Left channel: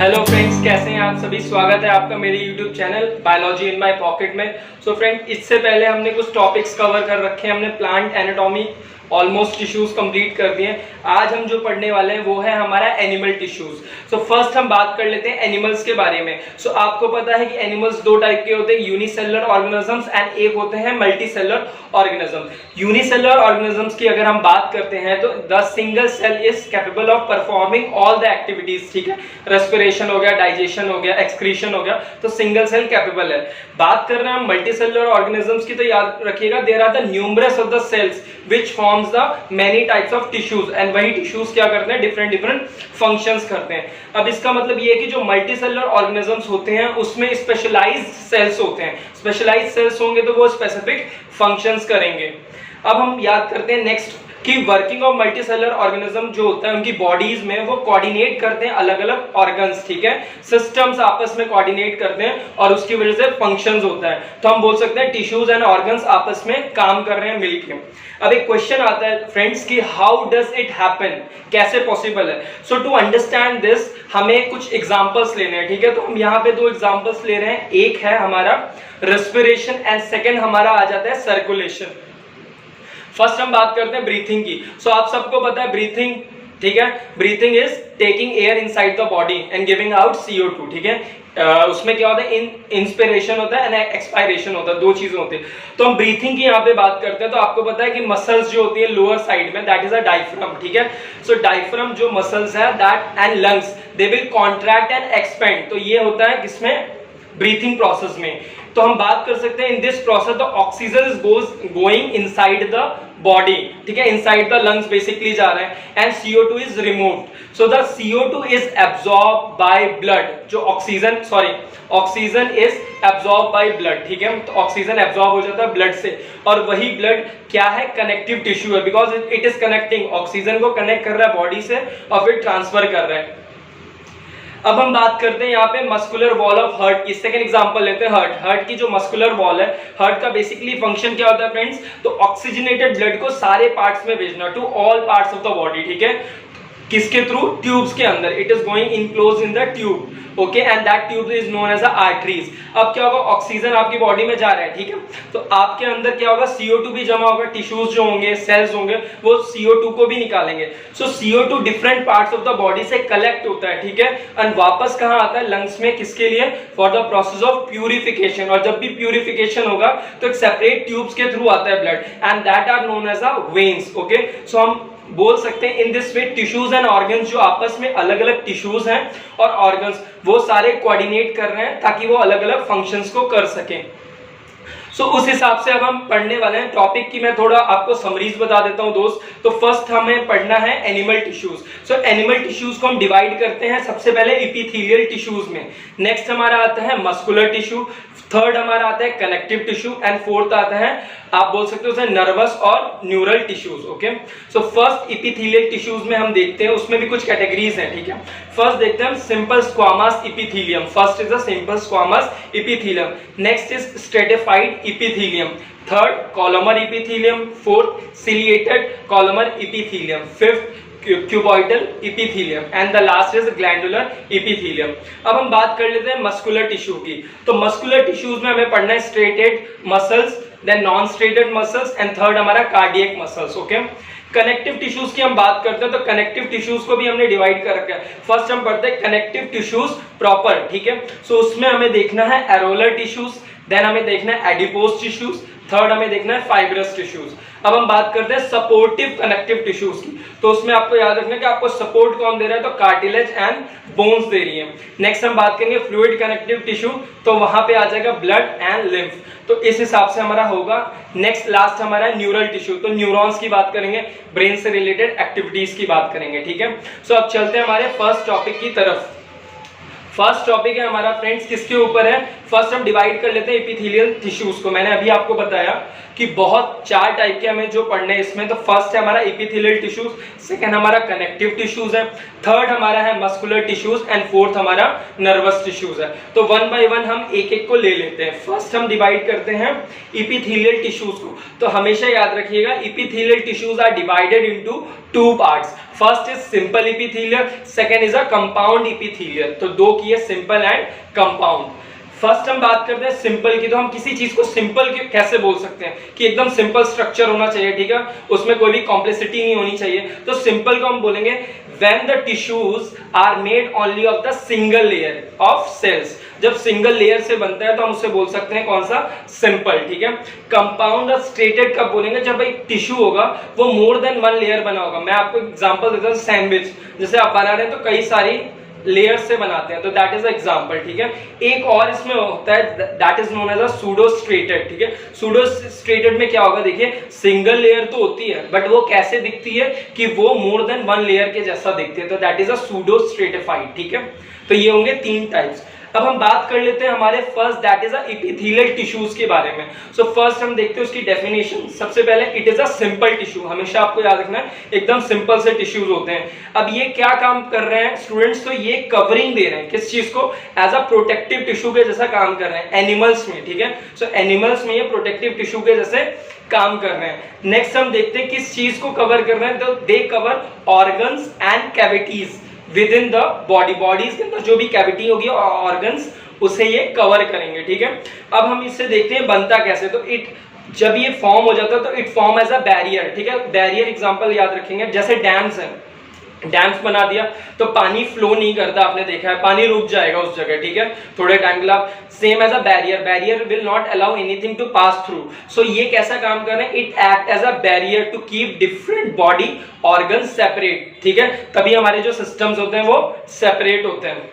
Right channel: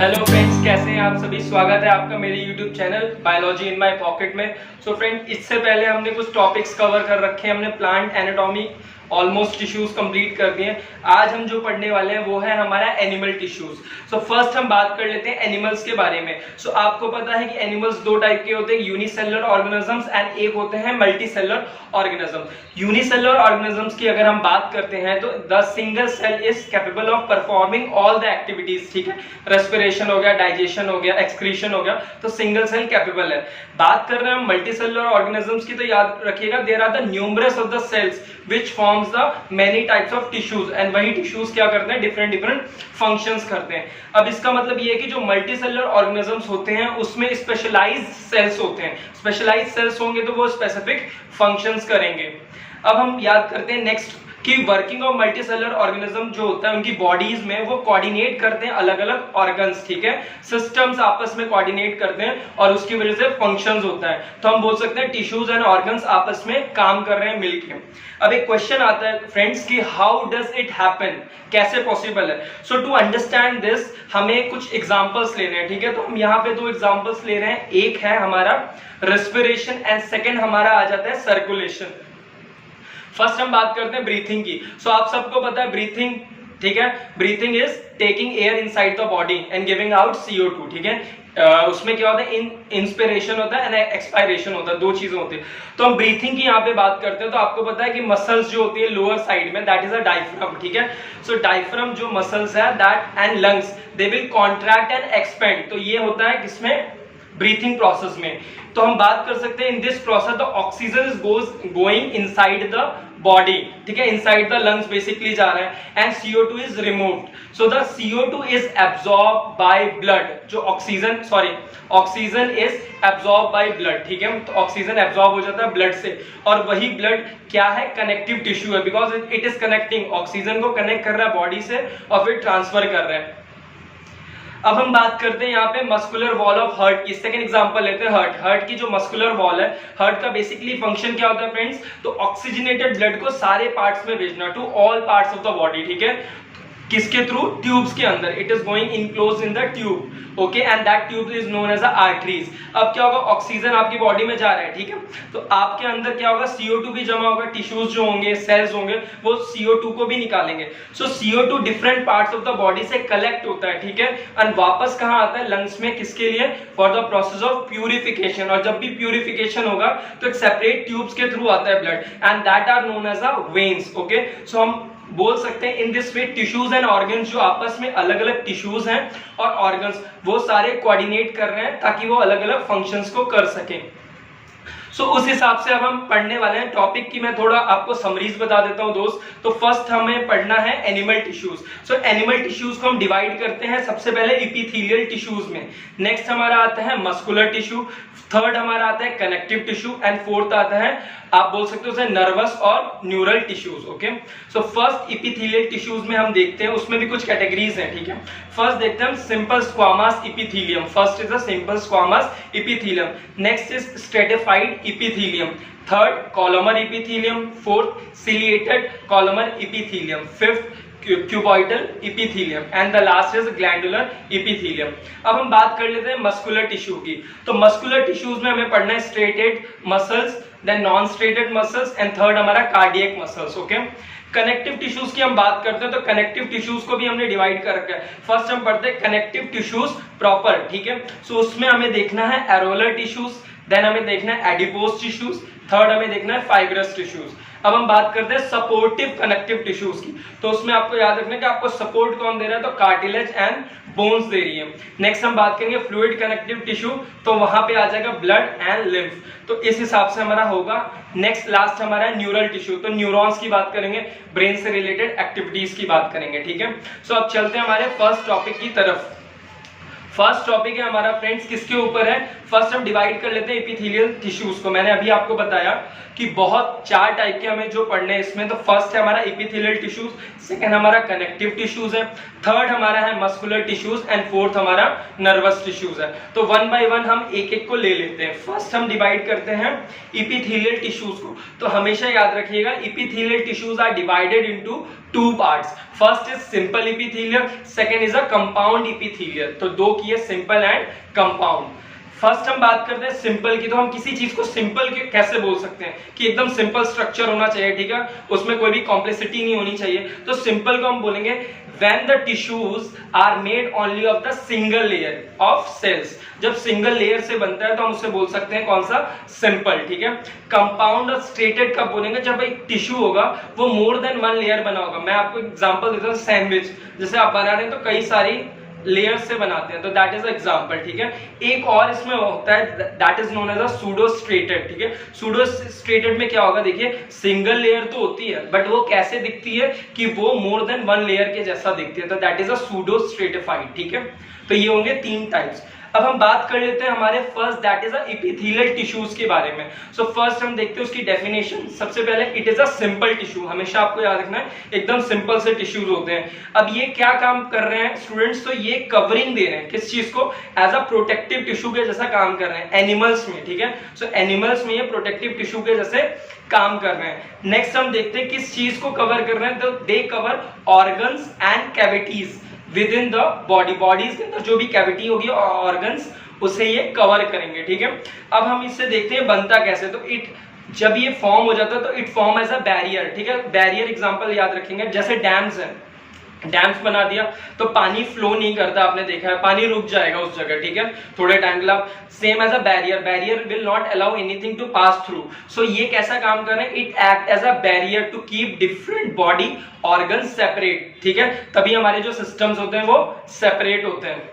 Hello friends, कैसे हैं आप सभी। स्वागत है आपका मेरे YouTube channel biology in my pocket में। सो फ्रेंड, इससे पहले हमने कुछ टॉपिक्स कवर कर रखे हैं। हमने plant anatomy almost tissues complete कर दिए। आज हम जो पढ़ने वाले हैं वो है हमारा एनिमल टिश्यूज। सो फर्स्ट हम बात कर लेते हैं एनिमल्स के बारे में। सो आपको पता है कि एनिमल्स दो टाइप के होते हैं, यूनिसेलुलर ऑर्गेनिजम्स एंड एक होते हैं मल्टीसेलुलर ऑर्गेनिज्म। यूनिसेलुलर ऑर्गेनिजम्स की अगर हम बात करते हैं तो the single cell is capable of performing all the activities. ठीक है, रेस्पिरेशन हो गया, डाइजेशन हो गया, एक्सक्रीशन हो गया, तो सिंगल सेल कैपेबल है। बात कर रहे हैं हम मल्टीसेलुलर ऑर्गेनिजम्स की, तो याद रखिएगा there are the numerous of the cells which forms the many types of tissues and वही टिश्यूज क्या करते हैं, डिफरेंट फंक्शंस करते हैं। अब इसका मतलब ये है कि जो मल्टीसेलुलर ऑर्गेनिजम्स होते हैं उसमें स्पेशलाइज्ड सेल्स होते हैं। स्पेशलाइज्ड सेल्स होंगे तो वो स्पेसिफिक फंक्शंस करेंगे। अब हम याद करते हैं नेक्स्ट कि वर्किंग ऑफ मल्टीसेलुलर ऑर्गेनिज्म जो होता है उनकी बॉडीज में वो कोऑर्डिनेट करते हैं अलग अलग ऑर्गन्स। ठीक है, सिस्टम्स आपस में कोऑर्डिनेट करते हैं और उसकी वजह से फंक्शंस होता है। तो हम बोल सकते हैं टिश्यूज एंड ऑर्गन्स आपस में काम कर रहे हैं मिलके। अब एक क्वेश्चन आता है फ्रेंड्स कि हाउ डज इट हैपन, कैसे पॉसिबल है। सो टू अंडरस्टैंड दिस हमें कुछ एग्जांपल्स लेने हैं। ठीक है, तो हम यहाँ पे दो एग्जांपल्स ले रहे हैं। एक है हमारा रेस्पिरेशन एंड सेकेंड हमारा आ जाता है सर्कुलेशन। फर्स्ट हम बात करते हैं ब्रीथिंग की। सो आप सबको पता है ब्रीथिंग, ठीक है, breathing is taking air inside the body and giving out CO2। ठीक है, उसमें क्या होता है, इंस्पिरेशन होता है एंड एक्सपायरेशन होता है, दो चीजें होती है। तो हम ब्रीथिंग की यहाँ पे बात करते हैं तो आपको पता है कि मसल्स जो होती है लोअर साइड में, दैट इज अ डायफ्राम। ठीक है, सो डायफ्राम जो मसल्स है that and lungs they will contract and expand. तो ये होता है किसमें, ब्रीथिंग प्रोसेस में। तो हम बात कर सकते हैं in this process the oxygen is going inside the body. ठीक है, इनसाइड द लंग्स बेसिकली जा रहे हैं and CO2 is removed. So the CO2 is absorb by blood. जो oxygen is absorb by blood. ठीक है, तो ऑक्सीजन एब्सॉर्ब हो जाता है ब्लड से और वही ब्लड क्या है, कनेक्टिव टिश्यू है, because it is connecting, oxygen को कनेक्ट कर रहा है बॉडी से और फिर ट्रांसफर कर रहा है। अब हम बात करते हैं यहाँ पे मस्कुलर वॉल ऑफ हार्ट की। सेकंड एग्जांपल लेते हैं हार्ट की जो मस्कुलर वॉल है, हार्ट का बेसिकली फंक्शन क्या होता है फ्रेंड्स, तो ऑक्सीजनेटेड ब्लड को सारे पार्ट्स में भेजना, to all parts of the body. ठीक है, किसके थ्रू, ट्यूब्स के अंदर, it is going enclose in the tube. Okay, and that tube is known as arteries. अब क्या होगा, ऑक्सीजन आपकी बॉडी में जा रहा है, ठीक है, तो आपके अंदर क्या होगा, CO2 भी जमा होगा, टिश्यूज जो होंगे, सेल्स होंगे, वो CO2 को भी निकालेंगे। सो CO2 different parts of the body से कलेक्ट होता है। ठीक है, एंड वापस कहां आता है, लंग्स में, किसके लिए, for the process of purification. और जब भी प्यूरिफिकेशन होगा तो एक सेपरेट ट्यूब्स के थ्रू आता है blood and that are known as veins. Okay, so हम बोल सकते हैं in this way tissues and organs जो आपस में अलग अलग टिश्यूज हैं और ऑर्गन्स वो सारे कोऑर्डिनेट कर रहे हैं ताकि वो अलग अलग फंक्शंस को कर सकें। सो उस हिसाब से अब हम पढ़ने वाले हैं टॉपिक की। मैं थोड़ा आपको समरीज बता देता हूं दोस्त। तो फर्स्ट हमें पढ़ना है animal tissues. So animal tissues को हम डिवाइड करते हैं सबसे पहले एपिथेलियल टिश्यूज में, नेक्स्ट हमारा आता है मस्कुलर टिश्यू, थर्ड हमारा आता है कनेक्टिव टिश्यू एंड फोर्थ आता है, आप बोल सकते हो उसे नर्वस और neural tissues. Okay, so first epithelial tissues में हम देखते हैं, उसमें भी कुछ कैटेगरीज हैं। ठीक है, फर्स्ट देखते हैं simple squamous epithelium. First is the simple squamous epithelium, next is stratified epithelium, third columnar epithelium, fourth ciliated columnar epithelium, fifth cuboidal epithelium and the last is glandular epithelium. अब हम बात कर लेते हैं मस्कुलर टिश्यू की। तो muscular tissues में हमें पढ़ना है striated muscles, then non striated muscles and third हमारा cardiac muscles. Okay, connective tissues की हम बात करते हैं तो कनेक्टिव टिश्यूज को भी हमने डिवाइड कर रखा है। फर्स्ट हम पढ़ते हैं कनेक्टिव टिश्यूज प्रॉपर। ठीक है, सो उसमें हमें देखना है एरोलर टिश्यूज, देन हमें देखना है एडिपोज टिश्यूज, थर्ड हमें देखना है फाइब्रस टिश्यूज। अब हम बात करते हैं सपोर्टिव कनेक्टिव टिश्यूज की। तो उसमें आपको याद रखना है कि आपको सपोर्ट कौन दे रहा है, तो कार्टिलेज एंड बोन्स दे रही है। नेक्स्ट हम बात करेंगे फ्लूइड कनेक्टिव टिश्यू, तो वहां पे आ जाएगा ब्लड एंड लिम्फ। तो इस हिसाब से हमारा होगा। नेक्स्ट लास्ट हमारा है न्यूरल टिश्यू, तो न्यूरॉन्स की बात करेंगे, ब्रेन से रिलेटेड एक्टिविटीज की बात करेंगे। ठीक है, सो अब चलते हैं हमारे फर्स्ट टॉपिक की तरफ। फर्स्ट टॉपिक है हमारा फ्रेंड्स किसके ऊपर है, फर्स्ट हम डिवाइड कर लेते हैं एपिथेलियल टिश्यूज को। मैंने अभी आपको बताया कि बहुत चार टाइप के हमें जो पढ़ने हैं इसमें। तो फर्स्ट है हमारा एपिथेलियल टिश्यूज, सेकंड हमारा कनेक्टिव टिश्यूज है, थर्ड हमारा है मस्कुलर टिश्यूज एंड फोर्थ हमारा नर्वस टिश्यूज है। तो वन बाय वन हम एक एक को ले लेते हैं। फर्स्ट हम डिवाइड करते हैं एपिथेलियल टिश्यूज को। तो हमेशा याद रखिएगा epithelial tissues are divided into two parts. First is simple epithelial, second is a compound epithelial. तो दो की है, सिंपल एंड कंपाउंड। फर्स्ट हम बात करते हैं सिंपल की। तो हम किसी चीज को सिंपल कैसे बोल सकते हैं कि एकदम सिंपल स्ट्रक्चर होना चाहिए, ठीक है, उसमें कोई भी कॉम्प्लेक्सिटी नहीं होनी चाहिए। तो सिंपल को हम बोलेंगे when the tissues are made only of the single layer of cells. जब सिंगल लेयर से बनता है तो हम उसे बोल सकते हैं कौन सा, सिंपल, ठीक है। कंपाउंड और स्ट्रेटेड कब बोलेंगे, जब एक टिश्यू होगा वो मोर देन वन लेयर बना होगा। मैं आपको एग्जांपल देता हूं, सैंडविच जैसे आप बना रहे हैं तो कई सारी लेयर से बनाते हैं, तो दैट इज एग्जांपल, ठीक है। एक और इसमें होता है that is known as a pseudo stratified, ठीक है। सूडो स्ट्रेटेड में क्या होगा, देखिए सिंगल लेयर तो होती है बट वो कैसे दिखती है कि वो मोर देन वन लेयर के जैसा दिखती है, तो that is a pseudo stratified, ठीक है। तो ये होंगे तीन टाइप्स। अब हम बात कर लेते हैं हमारे first that is a epithelial tissues के बारे में। सो फर्स्ट हम देखते हैं उसकी डेफिनेशन। सबसे पहले it is a simple tissue, हमेशा आपको याद रखना है एकदम सिंपल से टिश्यूज होते हैं। अब ये क्या काम कर रहे हैं स्टूडेंट्स, तो ये कवरिंग दे रहे हैं किस चीज को, एज अ प्रोटेक्टिव टिश्यू के जैसा काम कर रहे हैं एनिमल्स में, ठीक है। सो एनिमल्स में ये प्रोटेक्टिव टिश्यू के जैसे काम कर रहे हैं। नेक्स्ट हम देखते हैं किस चीज को कवर कर रहे हैं, तो they cover organs and cavities within the body. Bodies के अंदर जो भी कैविटी होगी ऑर्गन्स उसे ये कवर करेंगे, ठीक है। अब हम इससे देखते हैं बनता कैसे। तो इट जब ये फॉर्म हो जाता है तो it form as a barrier, ठीक है। बैरियर एग्जांपल याद रखेंगे, जैसे डैम्स है, डैम्स बना दिया तो पानी फ्लो नहीं करता, आपने देखा है पानी रुक जाएगा उस जगह, ठीक है, थोड़े टाइम के लिए। Same as a barrier, barrier will not allow anything to pass through. So ये कैसा काम कर रहे हैं, it act as a barrier to keep different body organ separate, ठीक है। तभी हमारे जो सिस्टम्स होते हैं वो सेपरेट होते हैं।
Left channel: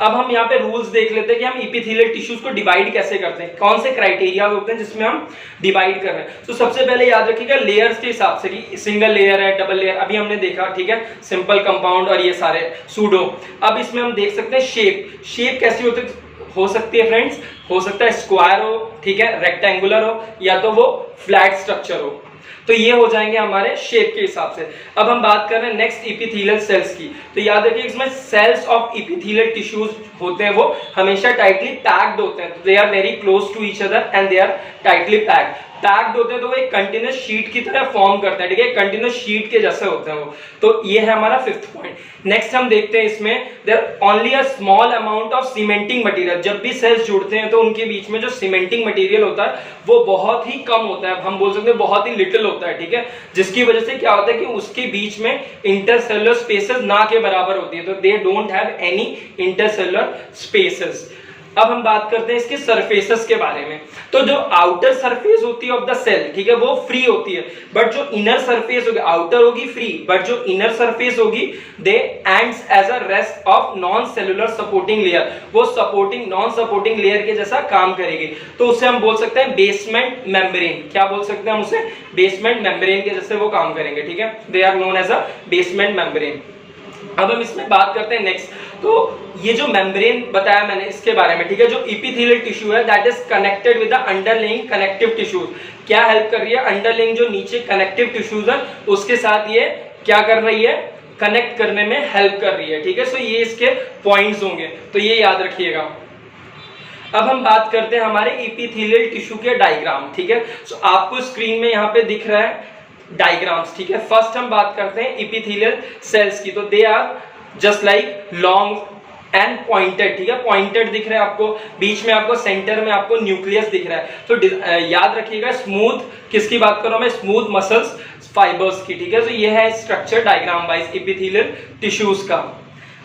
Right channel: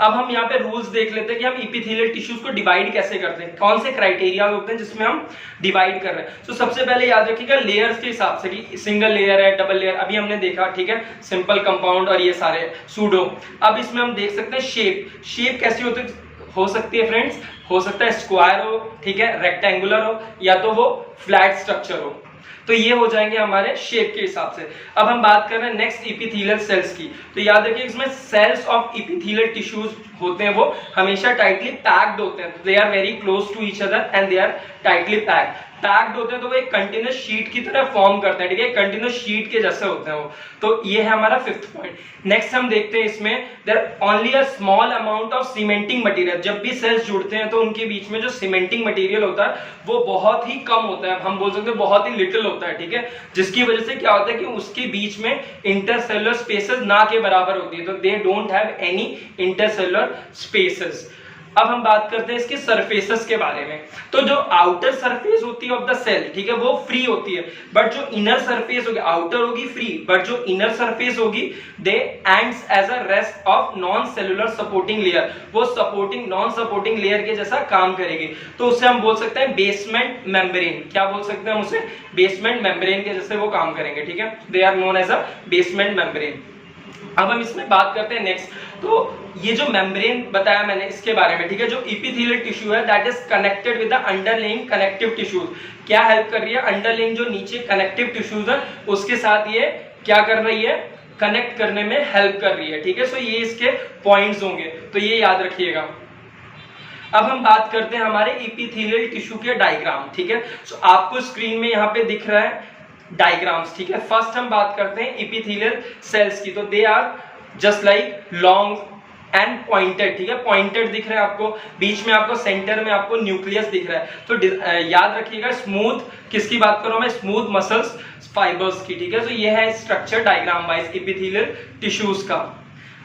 अब हम यहाँ पे रूल्स देख लेते हैं कि हम एपिथेलियल टिश्यूज को डिवाइड कैसे करते हैं, कौन से क्राइटेरिया होते हैं जिसमें हम डिवाइड कर रहे हैं। तो सबसे पहले याद रखिएगा लेयर्स के हिसाब से कि सिंगल लेयर है, डबल लेयर, अभी हमने देखा, ठीक है, सिंपल, कंपाउंड और ये सारे सूडो। अब इसमें हम देख सकते हैं शेप, शेप कैसी हो सकती है फ्रेंड्स, हो सकता है स्क्वायर हो, ठीक है, रेक्टेंगुलर हो, या तो वो फ्लैट स्ट्रक्चर हो। तो ये हो जाएंगे हमारे शेप के हिसाब से। अब हम बात कर रहे हैं नेक्स्ट एपिथेलियल सेल्स की। तो याद रखिए इसमें सेल्स ऑफ एपिथेलियल टिश्यूज होते हैं वो हमेशा टाइटली पैक्ड होते हैं, they are very close to each other and they are tightly packed होते हैं, तो वो एक कंटीन्यूअस शीट की तरह फॉर्म करते हैं, ठीक है, कंटीन्यूअस शीट के जैसे होते हैं वो। तो ये है हमारा फिफ्थ पॉइंट। नेक्स्ट हम देखते हैं इसमें there only a small amount of cementing material. जब भी सेल्स जुड़ते हैं तो उनके बीच में जो सीमेंटिंग मटेरियल होता है वो बहुत ही कम होता है, हम बोल सकते हैं बहुत ही लिटिल होता है, ठीक है, जिसकी वजह से क्या होता है कि उसके बीच में इंटरसेलुलर स्पेसेस ना के बराबर होती है, तो they don't have any intercellular spaces. अब हम बात करते हैं इसके सरफेसेस के बारे में। तो जो आउटर सरफेस होती है ऑफ द सेल, ठीक है, वो फ्री होती है, बट जो इनर सरफेस होगी, आउटर होगी फ्री, बट जो इनर सरफेस होगी they acts as a rest of non cellular supporting layer, वो सपोर्टिंग नॉन सपोर्टिंग लेयर के जैसा काम करेगी। तो उसे हम बोल सकते हैं बेसमेंट मेम्ब्रेन। क्या बोल सकते हैं हम उसे, बेसमेंट मेम्ब्रेन के जैसे वो काम करेंगे, ठीक है, they are known as a basement membrane. अब हम इसमें बात करते हैं नेक्स्ट। तो ये जो मेम्ब्रेन बताया मैंने इसके बारे में, ठीक है, जो एपिथेलियल टिश्यू है that is connected with the underlying connective tissues. क्या हेल्प कर रही है, अंडरलाइंग जो नीचे कनेक्टिव टिश्यूज है उसके साथ ये क्या कर रही है, कनेक्ट करने में हेल्प कर रही है, ठीक है। सो ये इसके पॉइंट्स होंगे, तो ये याद रखिएगा। अब हम बात करते हैं हमारे एपिथेलियल टिश्यू के डायग्राम, ठीक है। सो आपको स्क्रीन में यहाँ पे दिख रहा है डायग्राम्स, ठीक है। फर्स्ट हम बात करते हैं एपिथेलियल सेल्स की। तो they are just like long and pointed, ठीक है, पॉइंटेड दिख रहे हैं आपको, बीच में आपको सेंटर में आपको न्यूक्लियस दिख रहा है। तो याद रखिएगा स्मूथ, किसकी बात कर रहा हूं मैं, स्मूथ मसल्स फाइबर्स की, ठीक है। तो ये है structure diagram wise epithelial tissues का।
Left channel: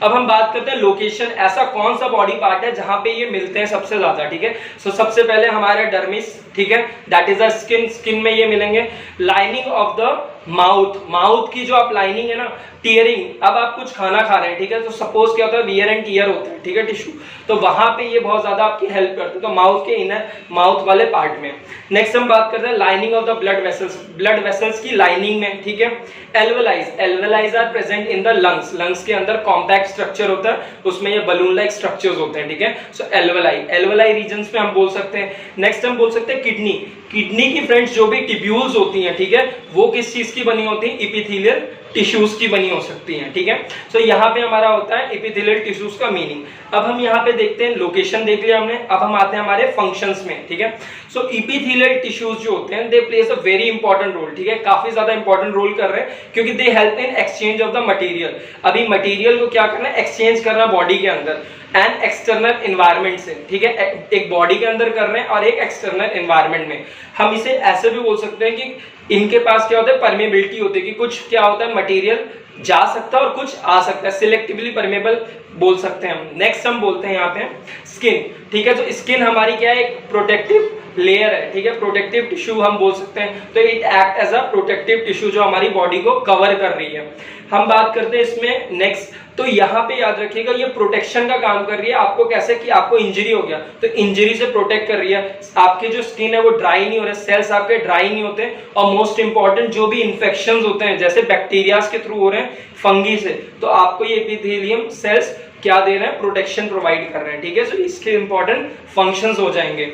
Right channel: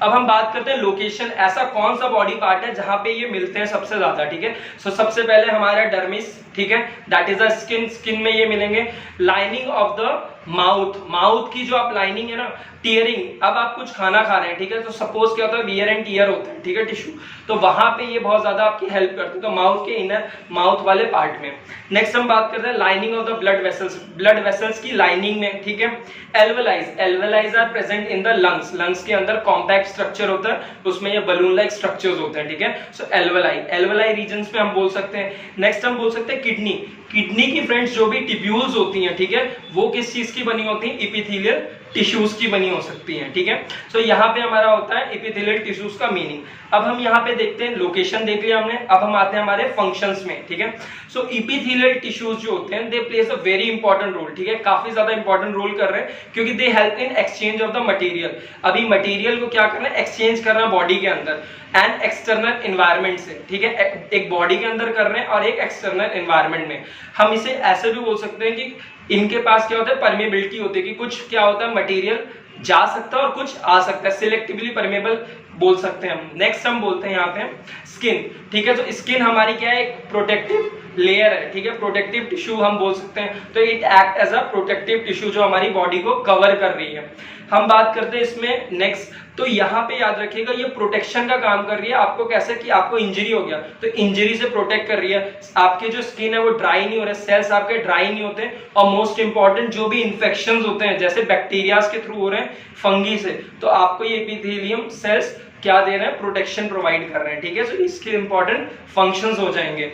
अब हम बात करते हैं लोकेशन, ऐसा कौन सा बॉडी पार्ट है जहां पे ये मिलते हैं सबसे ज्यादा, ठीक है। सो सबसे पहले हमारा डर्मिस, ठीक है, that is a skin, skin में ये मिलेंगे। Lining of the mouth, mouth की जो आप लाइनिंग है ना, टीयरिंग, अब आप कुछ खाना खा रहे हैं, ठीक है, तो सपोज क्या होता है वियर एंड टीयर होते हैं, ठीक है, टिश्यू, तो वहां पे ये बहुत ज्यादा आपकी हेल्प करते हैं, तो माउथ के इनर माउथ वाले पार्ट में। नेक्स्ट हम बात करते हैं lining of the blood vessels, blood vessels की लाइनिंग में, ठीक है। Alveoli, alveoli are present in the lungs, lungs के अंदर कॉम्पैक्ट स्ट्रक्चर होता है, उसमें ये बलून लाइक स्ट्रक्चर्स होते हैं, ठीक है। सो एल्वेलाई, एल्वेलाई रीजन्स में हम बोल सकते हैं। नेक्स्ट हम बोल सकते हैं किडनी, किडनी की फ्रेंड्स जो भी टिब्यूल्स होती हैं, ठीक है, वो किस चीज की बनी होती है, एपिथेलियल टिश्यूज की बनी हो सकती हैं, ठीक है। सो यहाँ पे हमारा होता है एपिथेलियल टिश्यूज का मीनिंग। अब हम यहाँ पे देखते हैं, लोकेशन देख लिया हमने, अब हम आते हैं हमारे फंक्शंस में, ठीक है। सो एपिथेलियल टिश्यूज जो होते हैं they plays a very important role, ठीक है, काफी ज्यादा इंपॉर्टेंट रोल कर रहे हैं क्योंकि they help in exchange of the material. अभी मटेरियल को क्या करना है, एक्सचेंज करना बॉडी के अंदर एंड एक्सटर्नल एनवायरनमेंट से, ठीक है, एक बॉडी के अंदर कर रहे हैं और एक एक्सटर्नल एनवायरनमेंट में। हम इसे ऐसे भी बोल सकते हैं कि इनके पास क्या होता है, परमेबिलिटी होती है, कि कुछ क्या होता है, मटेरियल जा सकता है और कुछ आ सकता है, सिलेक्टिवली परमेबल बोल सकते हैं हम। नेक्स्ट हम बोलते हैं यहाँ पे स्किन, ठीक है। तो स्किन हमारी क्या है, एक प्रोटेक्टिव लेयर है, ठीक है, प्रोटेक्टिव टिश्यू हम बोल सकते हैं। तो it act as a protective tissue जो हमारी बॉडी को कवर कर रही है। हम बात करते हैं इसमें नेक्स्ट, तो यहाँ पे याद रखिएगा ये प्रोटेक्शन का काम कर रही है। आपको कैसे, कि आपको इंजरी हो गया तो इंजरी से प्रोटेक्ट कर रही है, आपकी जो स्किन है वो ड्राई नहीं हो रहे, सेल्स आपके ड्राई नहीं होते, और मोस्ट इंपॉर्टेंट जो भी इंफेक्शंस होते हैं जैसे बैक्टीरियाज के थ्रू हो रहे हैं, फंगी से, तो आपको ये एपिथेलियम सेल्स क्या दे रहे हैं, प्रोटेक्शन प्रोवाइड कर रहे हैं, ठीक है। सो इसके इंपॉर्टेंट फंक्शंस हो जाएंगे।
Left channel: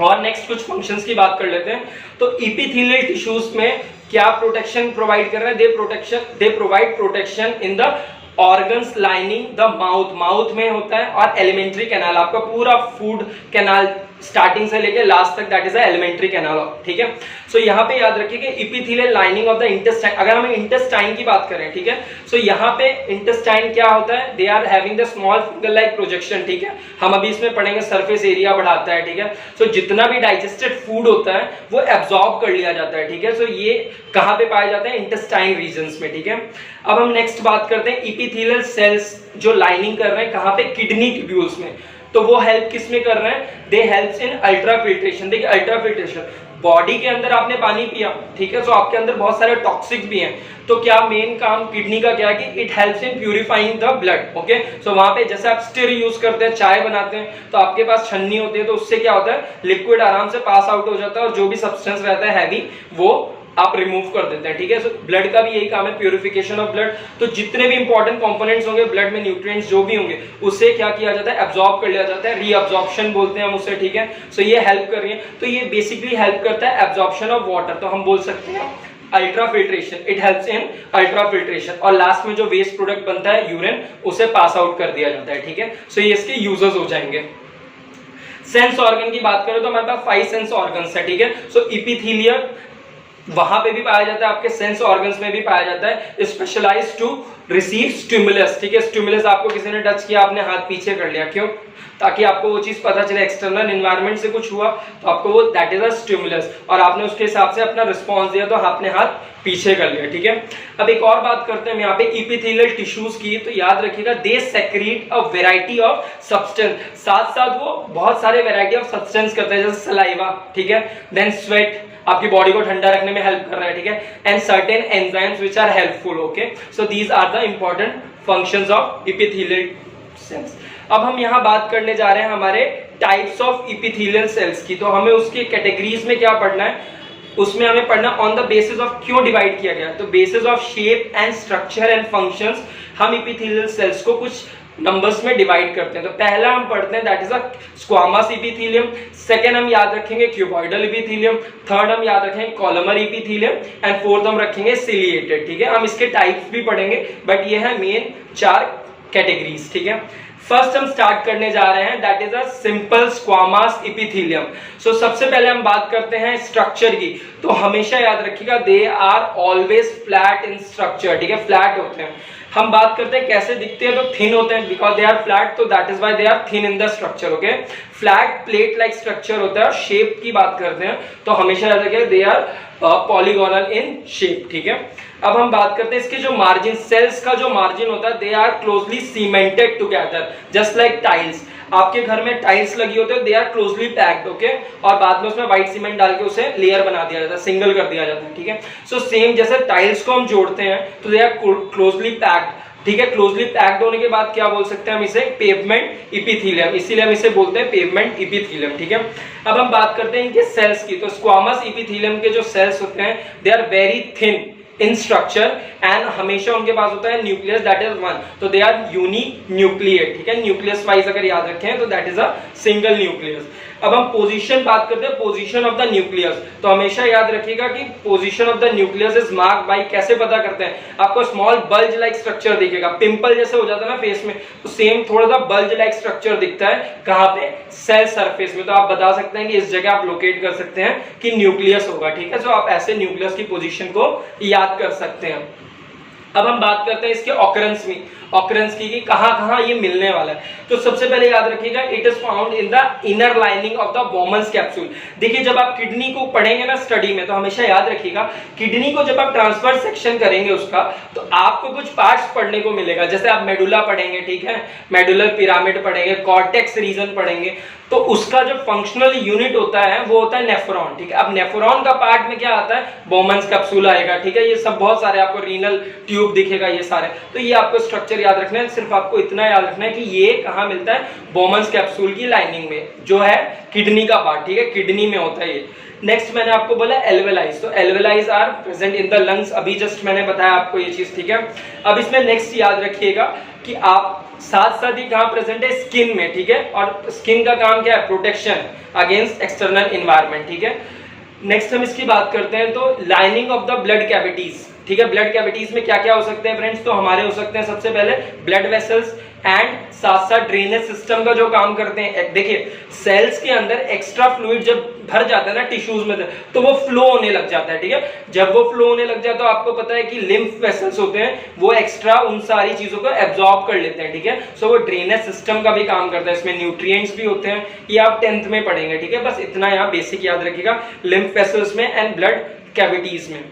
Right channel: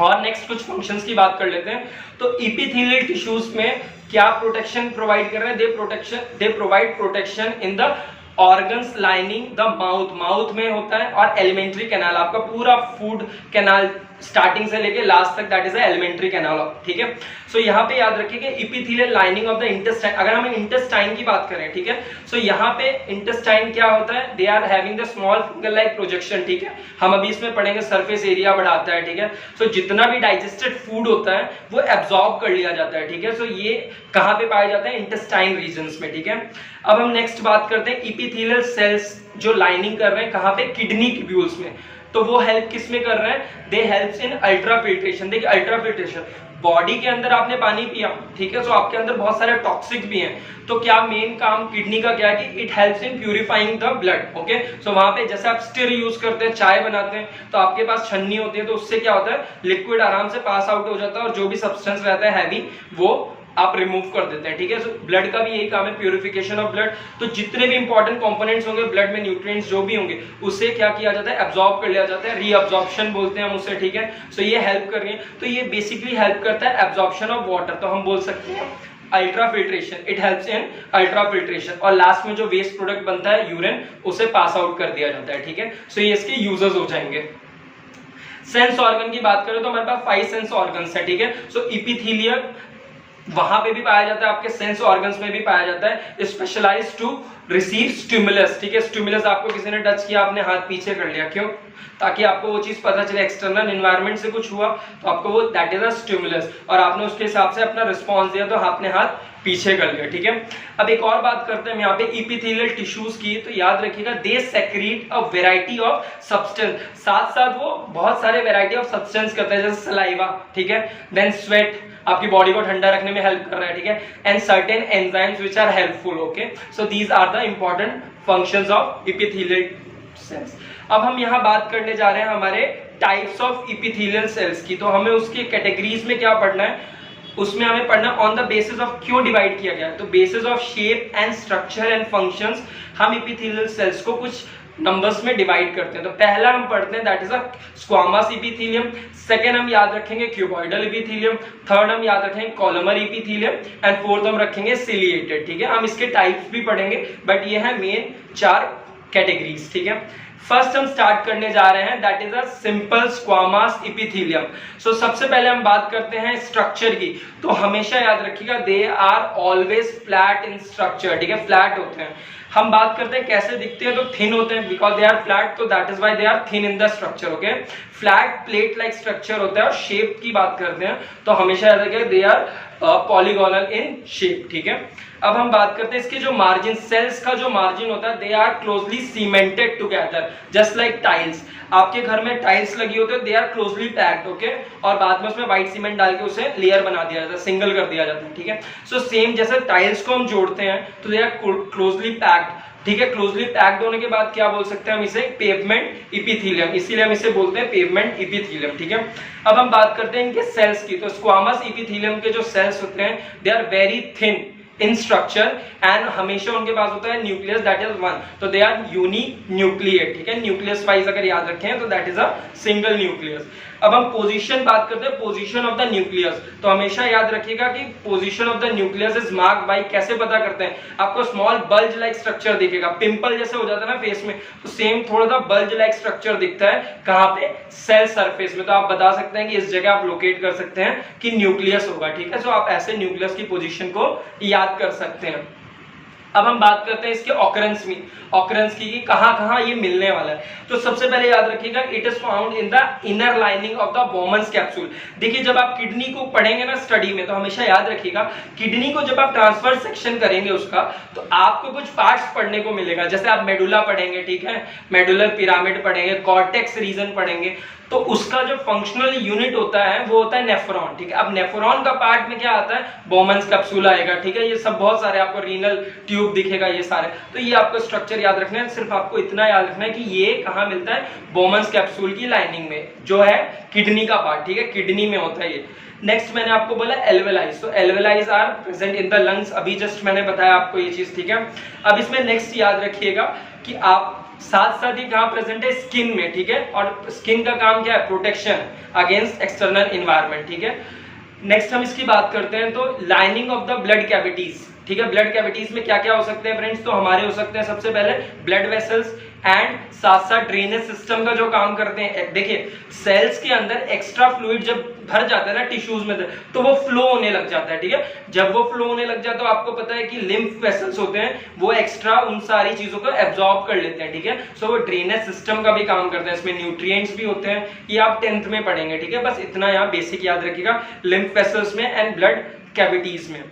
और नेक्स्ट कुछ फंक्शंस की बात कर लेते हैं। तो एपिथेलियल टिश्यूज में क्या प्रोटेक्शन प्रोवाइड कर रहे हैं, they provide protection in the organs lining the mouth, mouth में होता है, और एलिमेंट्री कैनाल, आपका पूरा फूड कैनाल स्टार्टिंग से लेके लास्ट तक, दैट इज एलिमेंट्री कैनाल, ठीक है। सो यहाँ पे याद रखिए कि epithelial lining of the intestine, अगर हम इंटेस्टाइन की बात करें, ठीक है, सो यहाँ पे इंटेस्टाइन क्या होता है, they are having the small finger like projection, ठीक है। हम अभी इसमें पढ़ेंगे सरफेस एरिया बढ़ाता है, ठीक है। सो जितना भी डाइजेस्टेड फूड होता है वो एब्जॉर्ब कर लिया जाता है, ठीक है। सो ये कहाँ पे पाए जाते हैं, इंटेस्टाइन रीजन्स में, ठीक है। अब हम नेक्स्ट बात करते हैं एपिथेलियल सेल्स जो लाइनिंग कर रहे हैं कहाँ पे, किडनी ट्यूब्यूल्स में। तो वो हेल्प किस में कर रहे हैं, दे हेल्प्स इन अल्ट्राफिल्ट्रेशन। देखिए अल्ट्राफिल्ट्रेशन, बॉडी के अंदर आपने पानी पिया, ठीक है, तो आपके अंदर बहुत सारे टॉक्सिक भी हैं, तो क्या मेन काम किडनी का क्या है कि it helps in purifying the blood, okay. So वहां पे जैसे आप स्टिर यूज करते हैं, चाय बनाते हैं, तो आपके पास छन्नी होती है, तो उससे क्या होता है, लिक्विड आराम से पास आउट हो जाता है और जो भी सब्सटेंस रहता है हैवी वो आप रिमूव कर देते हैं, ठीक है। सो ब्लड का भी यही काम है, प्यूरिफिकेशन ऑफ ब्लड। तो जितने भी इंपॉर्टेंट कंपोनेंट्स होंगे ब्लड में, न्यूट्रिएंट्स जो भी होंगे, उससे क्या किया जाता है, एब्जॉर्ब कर लिया जाता है, रीअब्जॉर्प्शन बोलते हैं हम उसे, ठीक है। सो ये हेल्प कर रही है, तो ये बेसिकली हेल्प करता है एब्जॉर्प्शन ऑफ वाटर, तो हम बोल सकते हैं ultrafiltration, it helps in ultrafiltration. और लास्ट में जो वेस्ट प्रोडक्ट बनता है यूरिन, उसे पास आउट कर दिया जाता है, ठीक है। सो ये इसके यूजेस हो जाएंगे। सेंस ऑर्गन की बात करें तो हमारे पास 5 सेंस ऑर्गन्स है, ठीक है। सो एपिथेलियम वहां पे भी पाया जाता है, आपके सेंस ऑर्गन्स में भी पाया जाता है, स्पेशलाइज्ड टू रिसीव स्टिमुलस, ठीक है। स्टिमुलस, आपको किसी ने टच किया, आपने हाथ पीछे कर लिया, क्यों, ताकि आपको वो चीज पता चले, एक्सटर्नल एनवायरनमेंट से कुछ हुआ तो आपको वो, दैट इज अ स्टिमुलस, और आपने उसके हिसाब से अपना रिस्पॉन्स दिया तो आपने हाथ पीछे कर लिया, ठीक है। अब एक और बात करते हैं यहाँ पे एपिथेलियल टिश्यूज की, तो याद रखिएगा they secrete a variety of substance, साथ साथ वो बहुत सारे वैरायटी ऑफ सब्सटेंस करते हैं, जैसे सलाइवा, ठीक है, देन स्वेट, आपकी बॉडी को ठंडा रखने में हेल्प कर रहा है, ठीक है, and certain enzymes which are helpful, okay. So these are the important functions of epithelial cells. अब हम यहाँ बात करने जा रहे हैं हमारे टाइप्स ऑफ एपिथेलियल सेल्स की, तो हमें उसके कैटेगरीज में क्या पढ़ना है, उसमें हमें पढ़ना ऑन द बेसिस ऑफ क्यों डिवाइड किया गया, तो basis of shape and structure and functions हम एपिथेलियल सेल्स को कुछ नंबर्स में डिवाइड करते हैं। तो पहला हम पढ़ते हैं that is a squamous epithelium, second हम याद रखेंगे क्यूबॉइडल एपिथेलियम, थर्ड हम याद रखेंगे कॉलमर एपिथेलियम, एंड फोर्थ हम रखेंगे सिलिएटेड, ठीक है। हम इसके टाइप्स भी पढ़ेंगे, बट ये है मेन 4 कैटेगरीज, ठीक है। फर्स्ट हम स्टार्ट करने जा रहे हैं that is a simple squamous epithelium. So सबसे पहले हम बात करते हैं स्ट्रक्चर की, तो हमेशा याद रखिएगा they are always flat in structure, ठीक है, फ्लैट होते हैं। हम बात करते हैं कैसे दिखते हैं, तो थिन होते हैं, बिकॉज दे आर फ्लैट, तो that is why they are thin in the structure, okay. Flat plate like structure होता है। शेप की बात करते हैं तो हमेशा याद रखिए they are polygonal in shape, ठीक है। अब हम बात करते हैं इसके जो मार्जिन, सेल्स का जो मार्जिन होता है, they are closely cemented together just like tiles. आपके घर में टाइल्स लगी होती है, they are closely packed, okay, और बाद में उसमें व्हाइट सीमेंट डाल के उसे लेयर बना दिया जाता है, सिंगल कर दिया जाता है, ठीक है। सो सेम जैसे टाइल्स को हम जोड़ते हैं तो दे आर क्लोजली पैक्ड, ठीक है। क्लोजली पैक्ड होने के बाद क्या बोल सकते हैं हम इसे, पेवमेंट एपिथेलियम, इसीलिए हम इसे बोलते हैं पेवमेंट एपिथेलियम, ठीक है। अब हम बात करते हैं इनके सेल्स की, तो स्क्वामस एपिथेलियम के जो सेल्स होते हैं they are very thin in structure and हमेशा उनके पास होता है न्यूक्लियस दैट इज 1, तो दे आर यूनी न्यूक्लिएट, ठीक है। न्यूक्लियस वाइज अगर याद रखें तो that is a single nucleus. अब हम पोजीशन बात करते हैं, पोजीशन ऑफ द न्यूक्लियस। तो हमेशा याद रखिएगा कि position of the nucleus is marked by, कैसे पता करते हैं, आपको स्मॉल बल्ज लाइक स्ट्रक्चर दिखेगा, पिंपल जैसे हो जाता है ना फेस में, तो सेम थोड़ा सा बल्ज लाइक स्ट्रक्चर दिखता है, कहां पे, सेल सरफेस में। तो आप बता सकते हैं कि इस जगह आप लोकेट कर सकते हैं कि न्यूक्लियस होगा, ठीक है। सो आप ऐसे न्यूक्लियस की पोजीशन को याद कर सकते हैं। अब हम बात करते हैं इसके ऑकरेंस की कि कहां-कहां ये मिलने वाला है। तो सबसे पहले याद रखिएगा, it is found in the inner lining of the Bowman's capsule. देखिए जब आप किडनी को पढ़ेंगे ना स्टडी में, तो हमेशा याद रखिएगा किडनी को जब आप ट्रांसफर सेक्शन करेंगे उसका, तो आपको कुछ पार्ट्स पढ़ने को मिलेगा। जैसे आप मेडुला पढ़ेंगे, ठीक है, मेडुलर पिरामिड पढ़ेंगे, कॉर्टेक्स रीजन पढ़ेंगे, तो उसका जो फंक्शनल यूनिट होता है वो होता है नेफ्रॉन, ठीक है। अब नेफ्रॉन का पार्ट में क्या आता है, बोमन्स कैप्सूल आएगा, ठीक है। ये सब बहुत सारे आपको रीनल ट्यूब दिखेगा, ये सारे। तो ये आपको स्ट्रक्चर याद रखना है, सिर्फ आपको इतना याद रखना है कि ये कहां मिलता है, बोमन्स कैप्सूल की लाइनिंग में, जो है किडनी का पार्ट, ठीक है, किडनी में होता है ये। नेक्स्ट मैंने आपको बोला एल्वेलाइज, तो alveoli are present in the lungs, अभी जस्ट मैंने बताया आपको ये चीज, ठीक है। अब इसमें नेक्स्ट याद रखिएगा कि आप साथ साथ ही कहां प्रेजेंट है, स्किन में, ठीक है। और स्किन का काम क्या है, प्रोटेक्शन अगेंस्ट एक्सटर्नल एनवायरनमेंट, ठीक है। नेक्स्ट हम इसकी बात करते हैं, तो lining of the blood cavities, ठीक है। ब्लड कैविटीज में क्या क्या हो सकते हैं फ्रेंड्स, तो हमारे हो सकते हैं सबसे पहले ब्लड वेसल्स एंड साथ साथ ड्रेनेज सिस्टम का जो काम करते हैं। देखिए सेल्स के अंदर एक्स्ट्रा फ्लूइड जब भर जाता है ना टिश्यूज में, तो वो फ्लो होने लग जाता है, ठीक है। जब वो फ्लो होने लग जाता है तो आपको पता है कि लिम्फ वेसल्स होते हैं, वो एक्स्ट्रा उन सारी चीजों को एब्जॉर्ब कर लेते हैं, ठीक है। सो वो ड्रेनेज सिस्टम का भी काम करता है, इसमें न्यूट्रिएंट्स भी होते हैं, ये आप 10th में पढ़ेंगे, ठीक है। बस इतना यहाँ बेसिक याद रखिएगा, लिम्फ वेसल्स में एंड ब्लड कैविटीज में।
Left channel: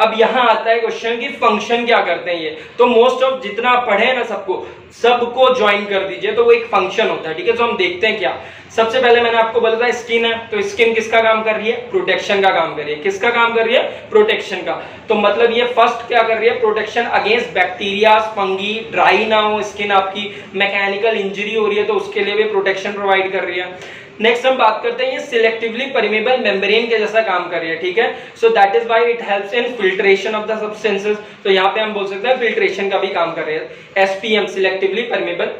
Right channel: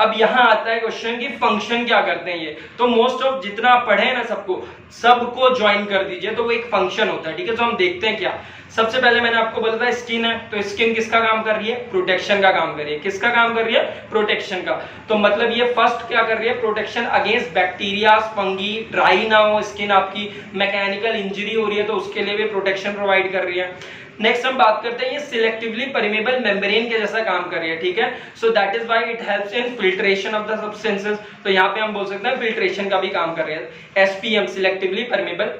अब यहां आता है क्वेश्चन की फंक्शन क्या करते हैं ये, तो मोस्ट ऑफ जितना पढ़े ना सबको ज्वाइन कर दीजिए, तो वो एक फंक्शन होता है, ठीक है। तो हम देखते हैं क्या। सबसे पहले मैंने आपको बोला था स्किन है, तो स्किन किसका काम कर रही है, प्रोटेक्शन का काम कर रही है। किसका काम कर रही है, प्रोटेक्शन का। तो मतलब ये फर्स्ट क्या कर रही है, protection against bacteria, fungi, dry ना हो स्किन आपकी, मैकेनिकल इंजरी हो रही है तो उसके लिए भी प्रोटेक्शन प्रोवाइड कर रही है। नेक्स्ट हम बात करते हैं, ये सिलेक्टिवली परमेबल मेम्ब्रेन के जैसा काम कर रही है, ठीक है। So that is why it helps in filtration of the substances. तो यहाँ पे हम बोल सकते हैं फिल्ट्रेशन का भी काम कर रहे हैं, SPM, selectively permeable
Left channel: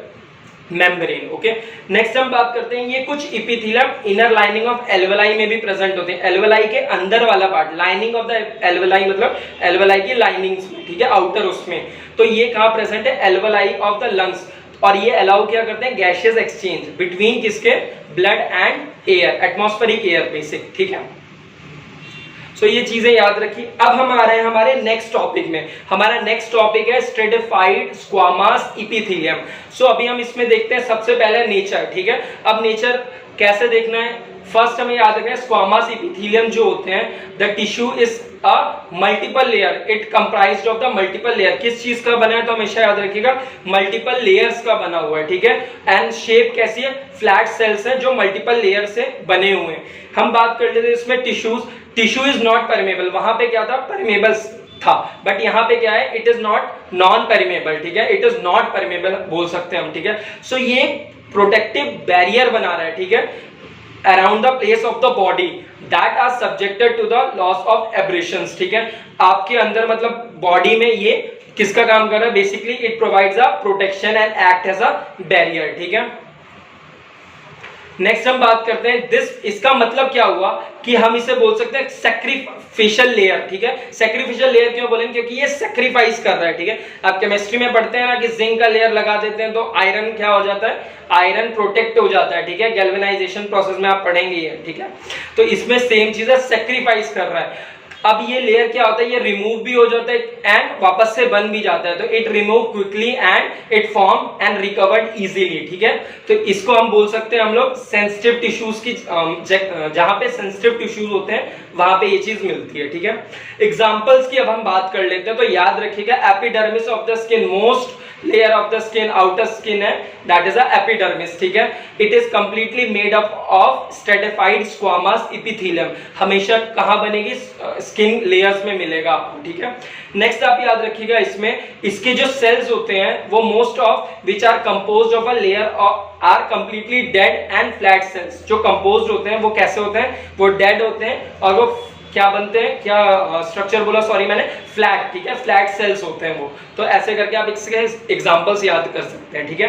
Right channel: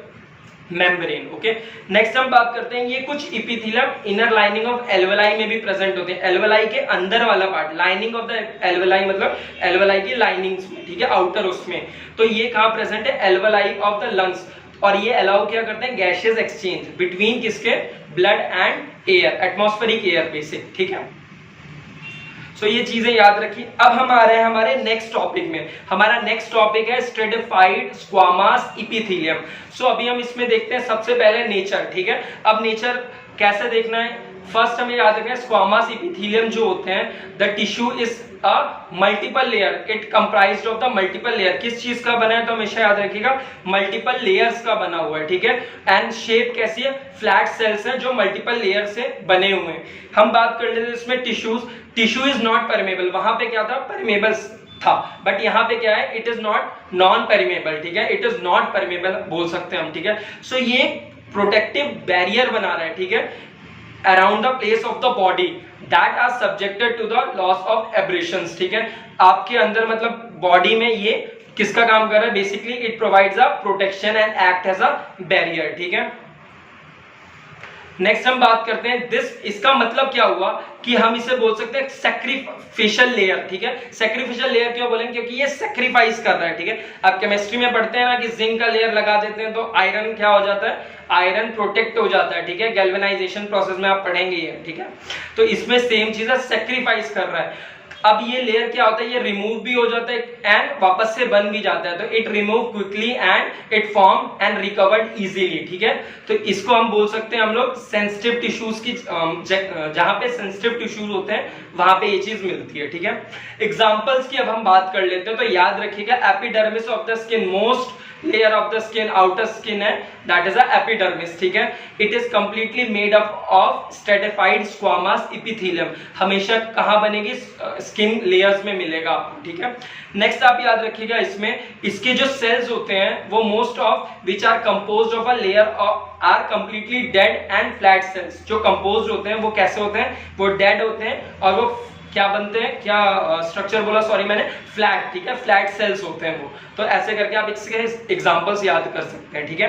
membrane, okay. Next हम बात करते हैं, ये कुछ epithelium inner lining of alveoli में भी प्रेजेंट होते हैं। एल्वेलाई के अंदर वाला part, lining of the alveoli मतलब एल्वेलाई की लाइनिंग्स में, ठीक है, आउटर उसमें। तो ये कहां प्रेजेंट है, एल्वेलाई ऑफ द लंग्स। और ये अलाउ क्या करते हैं, गैसियस एक्सचेंज बिटवीन किसके, blood and air, atmospheric air basic, ठीक है। सो ये चीजें याद रखिए। अब हम आ रहे हैं हमारे नेक्स्ट टॉपिक में। हमारा नेक्स्ट टॉपिक है स्ट्रेटिफाइड स्क्वामस इपिथेलियम। सो अभी हम इसमें देखते हैं सबसे पहले नेचर, ठीक है। अब नेचर कैसे देखना है, फर्स्ट हमें याद रखना है स्क्वामस इपिथेलियम जो होते हैं, the tissue is a multiple layer, it comprised of the multiple layer. किस चीज का बना है, तो हमेशा याद रखिएगा मल्टीपल लेयर्स का बना हुआ है, ठीक है। एंड शेप कैसी है, फ्लैट सेल्स है जो मल्टीपल लेयर से बने हुए हैं। हम बात कर लेते हैं इसमें tissues. Tissue is not permeable, वहां पे क्या था, परमेबल था, बट यहाँ पे क्या है, it is not non permeable, ठीक है। इट इज नॉट परमेबल बोल सकते हैं हम, ठीक है। सो ये प्रोटेक्टिव बैरियर बना रहा है, ठीक है, around the place of the body that are subjected to the loss of abrasions, ठीक है। आपके अंदर मतलब बॉडी में ये किसका काम कर रहा है, basically it provides a protection and act as a barrier, ठीक है। नेक्स्ट हम बात करते हैं दिस, इसका मतलब क्या हुआ कि हम इसे बोल सकते हैं सैक्रिफिशियल लेयर, ठीक है। सैक्रिफिशियल लेयर क्यों बोलेंगे, क्योंकि ये सैक्रिफाइस कर रहा है, ठीक है। आप केमिस्ट्री में पढ़ते हैं ना कि जिंक का लेयर लगा देते हैं तो आयरन क्या हो जाता है, आयरन प्रोटेक्ट हो जाता है, ठीक है। गैल्वेनाइजेशन प्रोसेस में आप पढ़ेंगे ये, ठीक है। तो इसमें सेम चीज है, सैक्रिफाइस कर रहा है। अब ये लेयर क्या होता है, ये रिमूव भी हो जाता है एंड वापस से बन भी जाता है। तो it remove quickly and it form and recovered easily, ठीक है। तो इसको हम बोल सकते हैं हम लोग सेंसिटिव टिश्यूज की, जहां पे सेंसिटिव टिश्यूज होते हैं वहां पे ये चीज मिलती है, ठीक है। एग्जांपल्स की अब हम बात कर लेते हैं, तो याद रखिएगा epidermis of the skin, most layer of the skin, outer skin है, दैट इज अ एपिडर्मिस, ठीक है। It is completely made up of stratified squamous epithelium. हमेशा कहां बनेगी, स्किन लेयर्स में मिलेगा आपको, ठीक है। नेक्स्ट आप याद रखिएगा इसमें इसके जो सेल्स होते हैं वो most of which are composed of a layer are completely dead and flat cells. जो कंपोज्ड होते हैं वो कैसे होते हैं, वो डेड होते हैं और वो क्या बनते हैं, क्या स्ट्रक्चर बोला, सॉरी मैंने, फ्लैट, ठीक है, फ्लैट सेल्स होते हैं वो। तो ऐसे करके आप इसके एग्जांपल्स याद कर सकते हैं, ठीक है।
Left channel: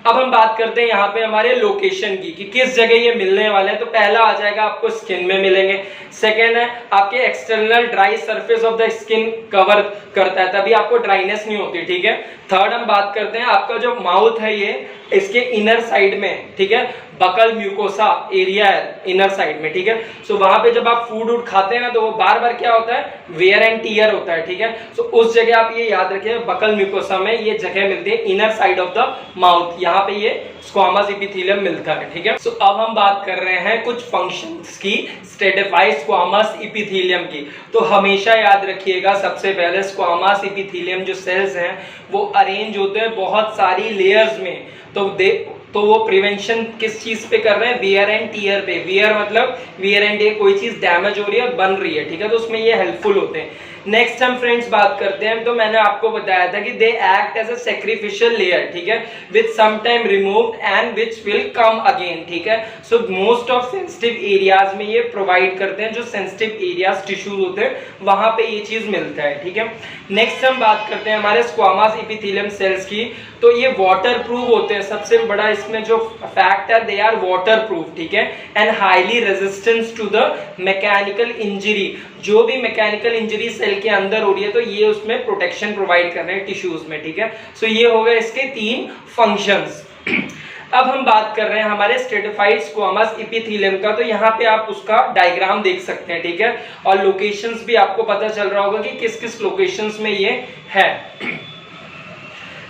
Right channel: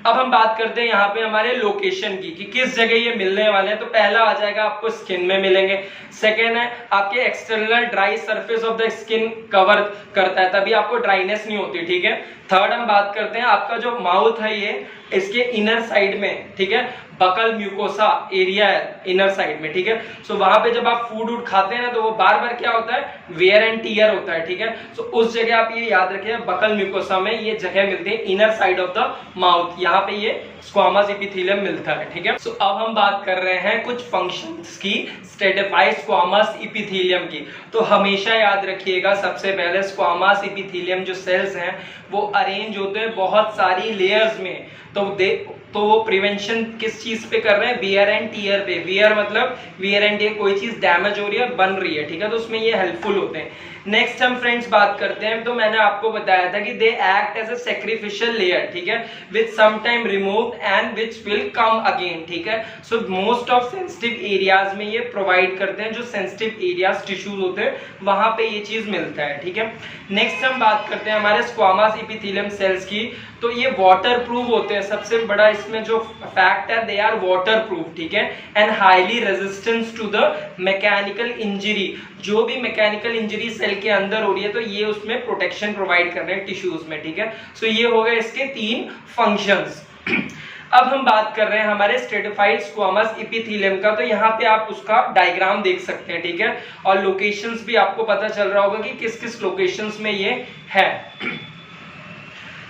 अब हम बात करते हैं यहाँ पे हमारे लोकेशन की कि किस जगह ये मिलने वाले हैं। तो पहला आ जाएगा आपको स्किन में मिलेंगे, सेकेंड है आपके external dry surface of the skin cover करता है, तभी आपको ड्राइनेस नहीं होती, ठीक है। थर्ड हम बात करते हैं आपका जो माउथ है ये इसके इनर साइड में, ठीक है, बकल म्यूकोसा एरिया है इनर साइड में, ठीक है। सो वहां पे जब आप फूड खाते हैं ना तो वो बार बार क्या होता है, वेयर एंड टीयर होता है, ठीक है। सो उस जगह आप ये याद रखिए, बकल म्यूकोसा में ये जगह मिलती है inner side of the mouth, यहाँ पे ये स्क्वामस एपिथेलियम मिलता है, ठीक है। सो अब हम बात कर रहे हैं कुछ फंक्शंस की स्ट्रेटिफाइड स्क्वामस एपिथेलियम की। तो हमेशा याद रखिएगा, सबसे पहले स्क्वामस एपिथेलियम जो सेल्स हैं वो अरेंज होते हैं बहुत सारी लेयर्स में। तो वो प्रिवेंशन किस चीज पे कर रहे हैं, वियर एंड टीयर पे। वियर मतलब वियर एंड टीयर, कोई चीज डैमेज हो रही है और बन रही है, ठीक है, तो उसमें ये हेल्पफुल होते हैं। नेक्स्ट हम फ्रेंड्स बात करते हैं, तो मैंने आपको बताया था कि they act as a sacrificial layer, ठीक है, which some time remove and which will come again, ठीक है। So most of sensitive areas में ये प्रोवाइड करते हैं, जो सेंसिटिव एरियाज टिश्यूज होते हैं वहां पे ये चीज मिलता है, ठीक है। नेक्स्ट हम बात करते हैं हमारे स्क्वामस एपिथेलियम सेल्स की। तो ये वाटर प्रूफ होते हैं, सबसे बड़ा इसमें जो फैक्ट है, दे आर वाटर प्रूफ, ठीक है, and highly resistance to the mechanical injury. जो भी मैकेनिकल इंजरी सेल के अंदर हो रही है तो ये उसमें प्रोटेक्शन प्रोवाइड कर रहे हैं टिश्यूज में, ठीक है। सो ये हो गए इसके 3 फंक्शंस। अब हम बात कर रहे हैं हमारे स्ट्रेटिफाइड स्क्वामस एपिथेलियम का। तो यहाँ पे आप उसका डायग्राम देख सकते हैं, ठीक है, और लोकेशंस भी आपको पता चल रहा होगा कि किस किस लोकेशंस में ये है।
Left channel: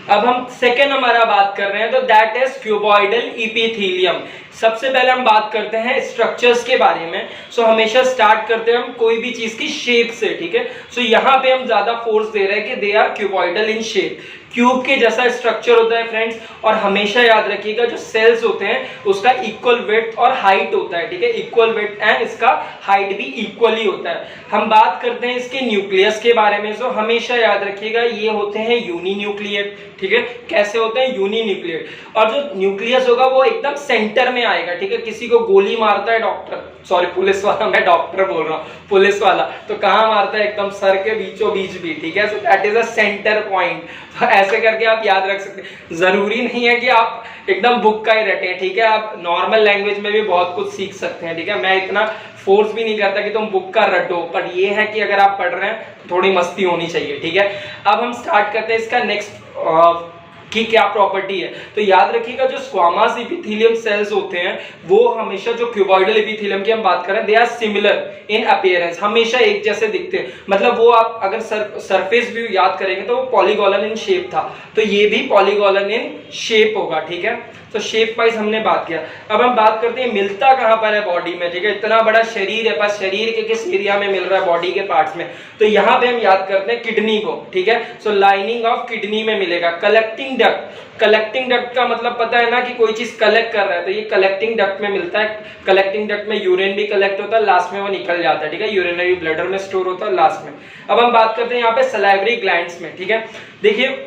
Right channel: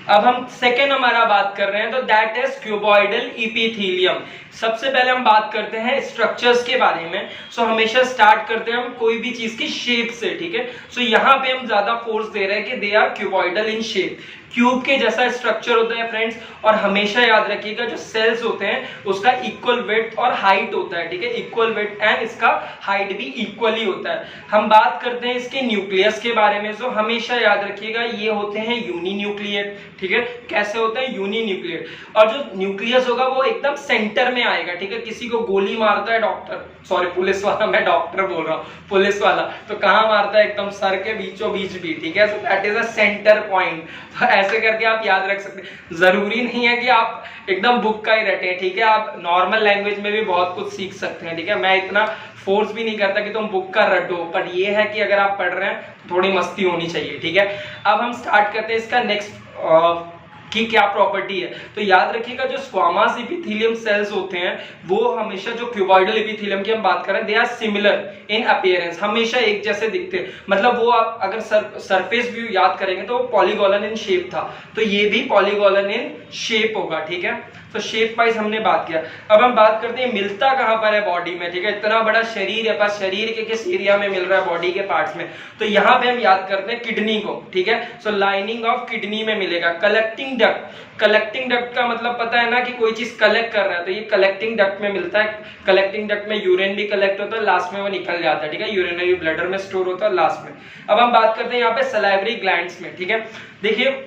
अब हम सेकेंड हमारा बात कर रहे हैं, तो दैट इज क्यूबॉइडल एपिथेलियम। सबसे पहले हम बात करते हैं स्ट्रक्चर्स के बारे में। सो हमेशा स्टार्ट करते हैं हम कोई भी चीज की शेप से, ठीक है। सो यहाँ पे हम ज्यादा फोर्स दे रहे हैं कि they are cuboidal in shape, cube के जैसा स्ट्रक्चर होता है फ्रेंड्स। और हमेशा याद रखिएगा जो सेल्स होते हैं उसका इक्वल वेट और हाइट होता है, ठीक है, इक्वल वेट एंड इसका हाइट भी इक्वली होता है। हम बात करते हैं इसके न्यूक्लियस के बारे में। सो हमेशा याद रखिएगा ये होते हैं यूनी न्यूक्लिएट, ठीक है। कैसे होते हैं, यूनी न्यूक्लिएट। और जो न्यूक्लियस होगा वो एकदम सेंटर में आएगा, ठीक है। किसी को गोली मारता है डॉक्टर, सॉरी पुलिस वाला, मैं डॉक्टर बोल रहा हूँ, पुलिस वाला, तो कहाँ मारता है, एकदम सर के बीचों बीच भी, ठीक है। So that is a centre point. तो ऐसे करके आप याद रख सकते हैं। जरूरी नहीं है कि आप एकदम बुक का ही रटे, ठीक है, आप नॉर्मल लैंग्वेज में भी बहुत कुछ सीख सकते हैं, ठीक है। मैं इतना फोर्स भी नहीं करता कि तुम बुक का रटो, पर ये है कि अगर आप पढ़ रहे हैं थोड़ी मस्ती होनी चाहिए, ठीक है। अब हम स्टार्ट करते हैं इसका नेक्स्ट की क्या प्रॉपर्टी है। तो याद रखिएगा जो स्क्वामस एपिथेलियम सेल्स होते हैं वो हमेशा, जो क्यूबॉइडल एपिथेलियम की हम बात कर रहे हैं, they are similar in appearance, हमेशा एक जैसे दिखते हैं। मतलब वो आप अगर सरफेस व्यू याद करेंगे तो वो पॉलीगोनल इन शेप था, तो ये भी पॉलीगोनल इन शेप होगा, ठीक है। तो शेप वाइज हमने बात किया। अब हम बात करते हैं मिलता कहां पर है बॉडी में, ठीक है। इतना बड़ा शरीर है, पर शरीर के किस एरिया में मिल रहा है, बॉडी के पार्ट्स में। तो यहाँ पे हम याद करते हैं किडनी को, ठीक है। सो लाइनिंग ऑफ किडनी में मिलेगा। कलेक्टिंग डक्ट, कलेक्टिंग डक्ट का मतलब पता है ना कि कोई चीज कलेक्ट कर रहा है, तो ये कलेक्टिंग डक्ट में मिलता है। कलेक्टिंग डक्ट में यूरिन भी कलेक्ट होता है, लास्ट में वो निकल जाता है, ठीक है, यूरिनरी ब्लडर में स्टोर होता है लास्ट में। अब हम बात करते हैं यहाँ पे सलाइवरी ग्लैंड्स में, ठीक है। देखिए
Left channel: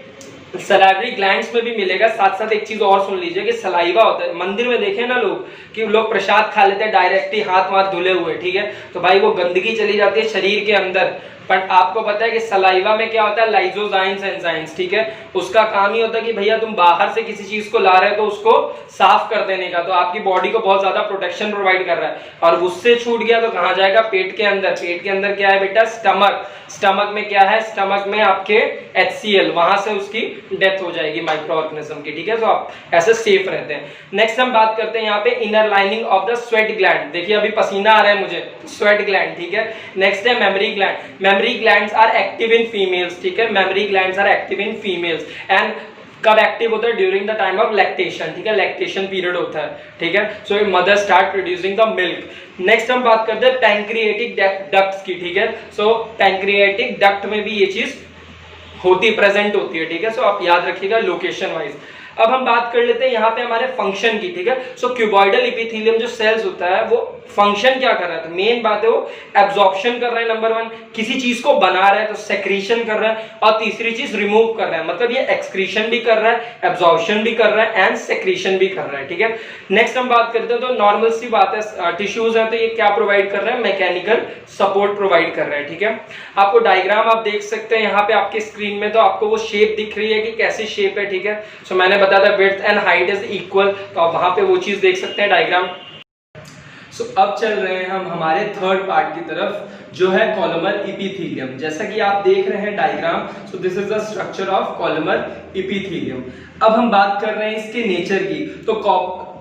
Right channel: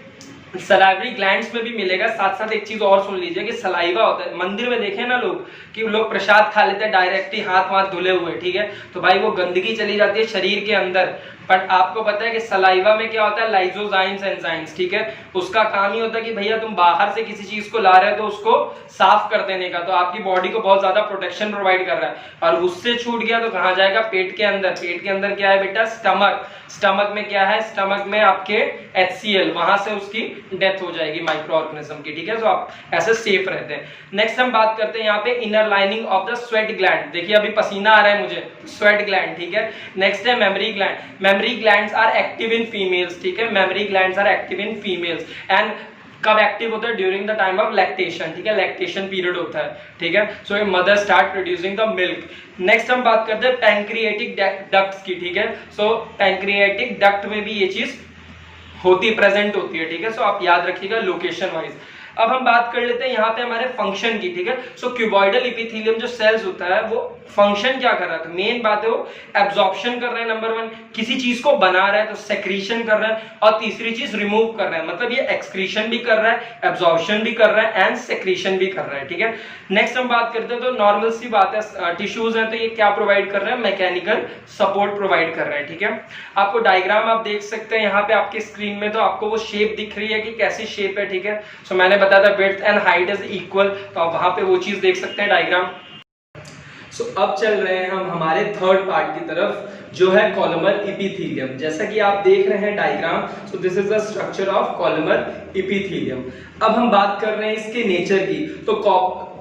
सलाइवरी ग्लैंड्स में भी मिलेगा। साथ साथ एक चीज और सुन लीजिए कि सलाइवा होता है, मंदिर में देखे ना लोग कि लोग प्रसाद खा लेते हैं डायरेक्ट ही हाथ वाथ धुले हुए, ठीक है, तो भाई वो गंदगी चली जाती है शरीर के अंदर। बट आपको पता है कि सलाइवा में क्या होता है, लाइजोजाइम्स एंजाइम्स, ठीक है, उसका काम ही होता है कि भैया तुम बाहर से किसी चीज को ला रहे हो तो उसको साफ कर देने का, तो आपकी बॉडी को बहुत ज्यादा प्रोटेक्शन प्रोवाइड कर रहा है। और उससे छूट गया तो कहाँ जाएगा, पेट के अंदर। पेट के अंदर क्या है बेटा, स्टमक। स्टमक में क्या है, स्टमक में आपके HCl, वहां से उसकी डेथ हो जाएगी माइक्रो ऑर्गेनिज्म की, ठीक है। तो आप ऐसे सेफ रहते हैं। नेक्स्ट हम बात करते हैं यहाँ पे inner lining of the sweat gland. देखिए अभी पसीना आ रहा है मुझे, स्वेट ग्लैंड, ठीक है। नेक्स्ट है mammary gland. Mammary glands are active in females, ठीक है, mammary glands are active in females. And कब एक्टिव होता है, during the time of lactation, ठीक है, लैक्टेशन पीरियड होता है, ठीक है। So a mother start producing the milk. Next हम बात करते हैं पैंक्रिएटिक डक्ट्स की, ठीक है। सो पैंक्रिएटिक डक्ट में भी ये चीज होती, प्रेजेंट होती है, ठीक है। सो आप याद रखिएगा लोकेशन वाइज। अब हम बात कर लेते हैं यहाँ पे हमारे फंक्शन की, ठीक है। सो क्यूबॉइडल एपिथेलियम जो सेल्स होता है वो फंक्शन क्या कर रहा है, तो मेन बात है वो एब्जॉर्प्शन कर रहा है, नंबर 1, किसी चीज को बना रहा है तो सेक्रीशन कर रहा है, और तीसरी चीज रिमूव कर रहा है, मतलब ये एक्सक्रीशन भी कर रहा है, एब्जॉर्प्शन भी कर रहा है एंड सेक्रीशन भी कर रहा है, ठीक है। नेक्स्ट हम बात करते हैं, तो नॉर्मल सी बात है, टिश्यूज है तो ये क्या प्रोवाइड कर रहा है, मैकेनिकल सपोर्ट प्रोवाइड कर रहा है, ठीक है। आपको डायग्राम आप देख सकते हैं यहाँ पे आपके स्क्रीन में, तो आपको वो शेप दिख रही है कि कैसी शेप है, ठीक है। सो मैंने बताया था width and height is equal, तो आप वहां पे वो चीज देख सकते हैं डायग्राम। सो अब चल रहे हैं हम हमारे थर्ड पार्ट की तरफ, जो है कॉलमर इपिथेलियम। जैसा कि आप देख रहे हैं diagram, so this is the structure of columnar epithelium. अब हम बात कर रहे हैं इसके नेचर की। तो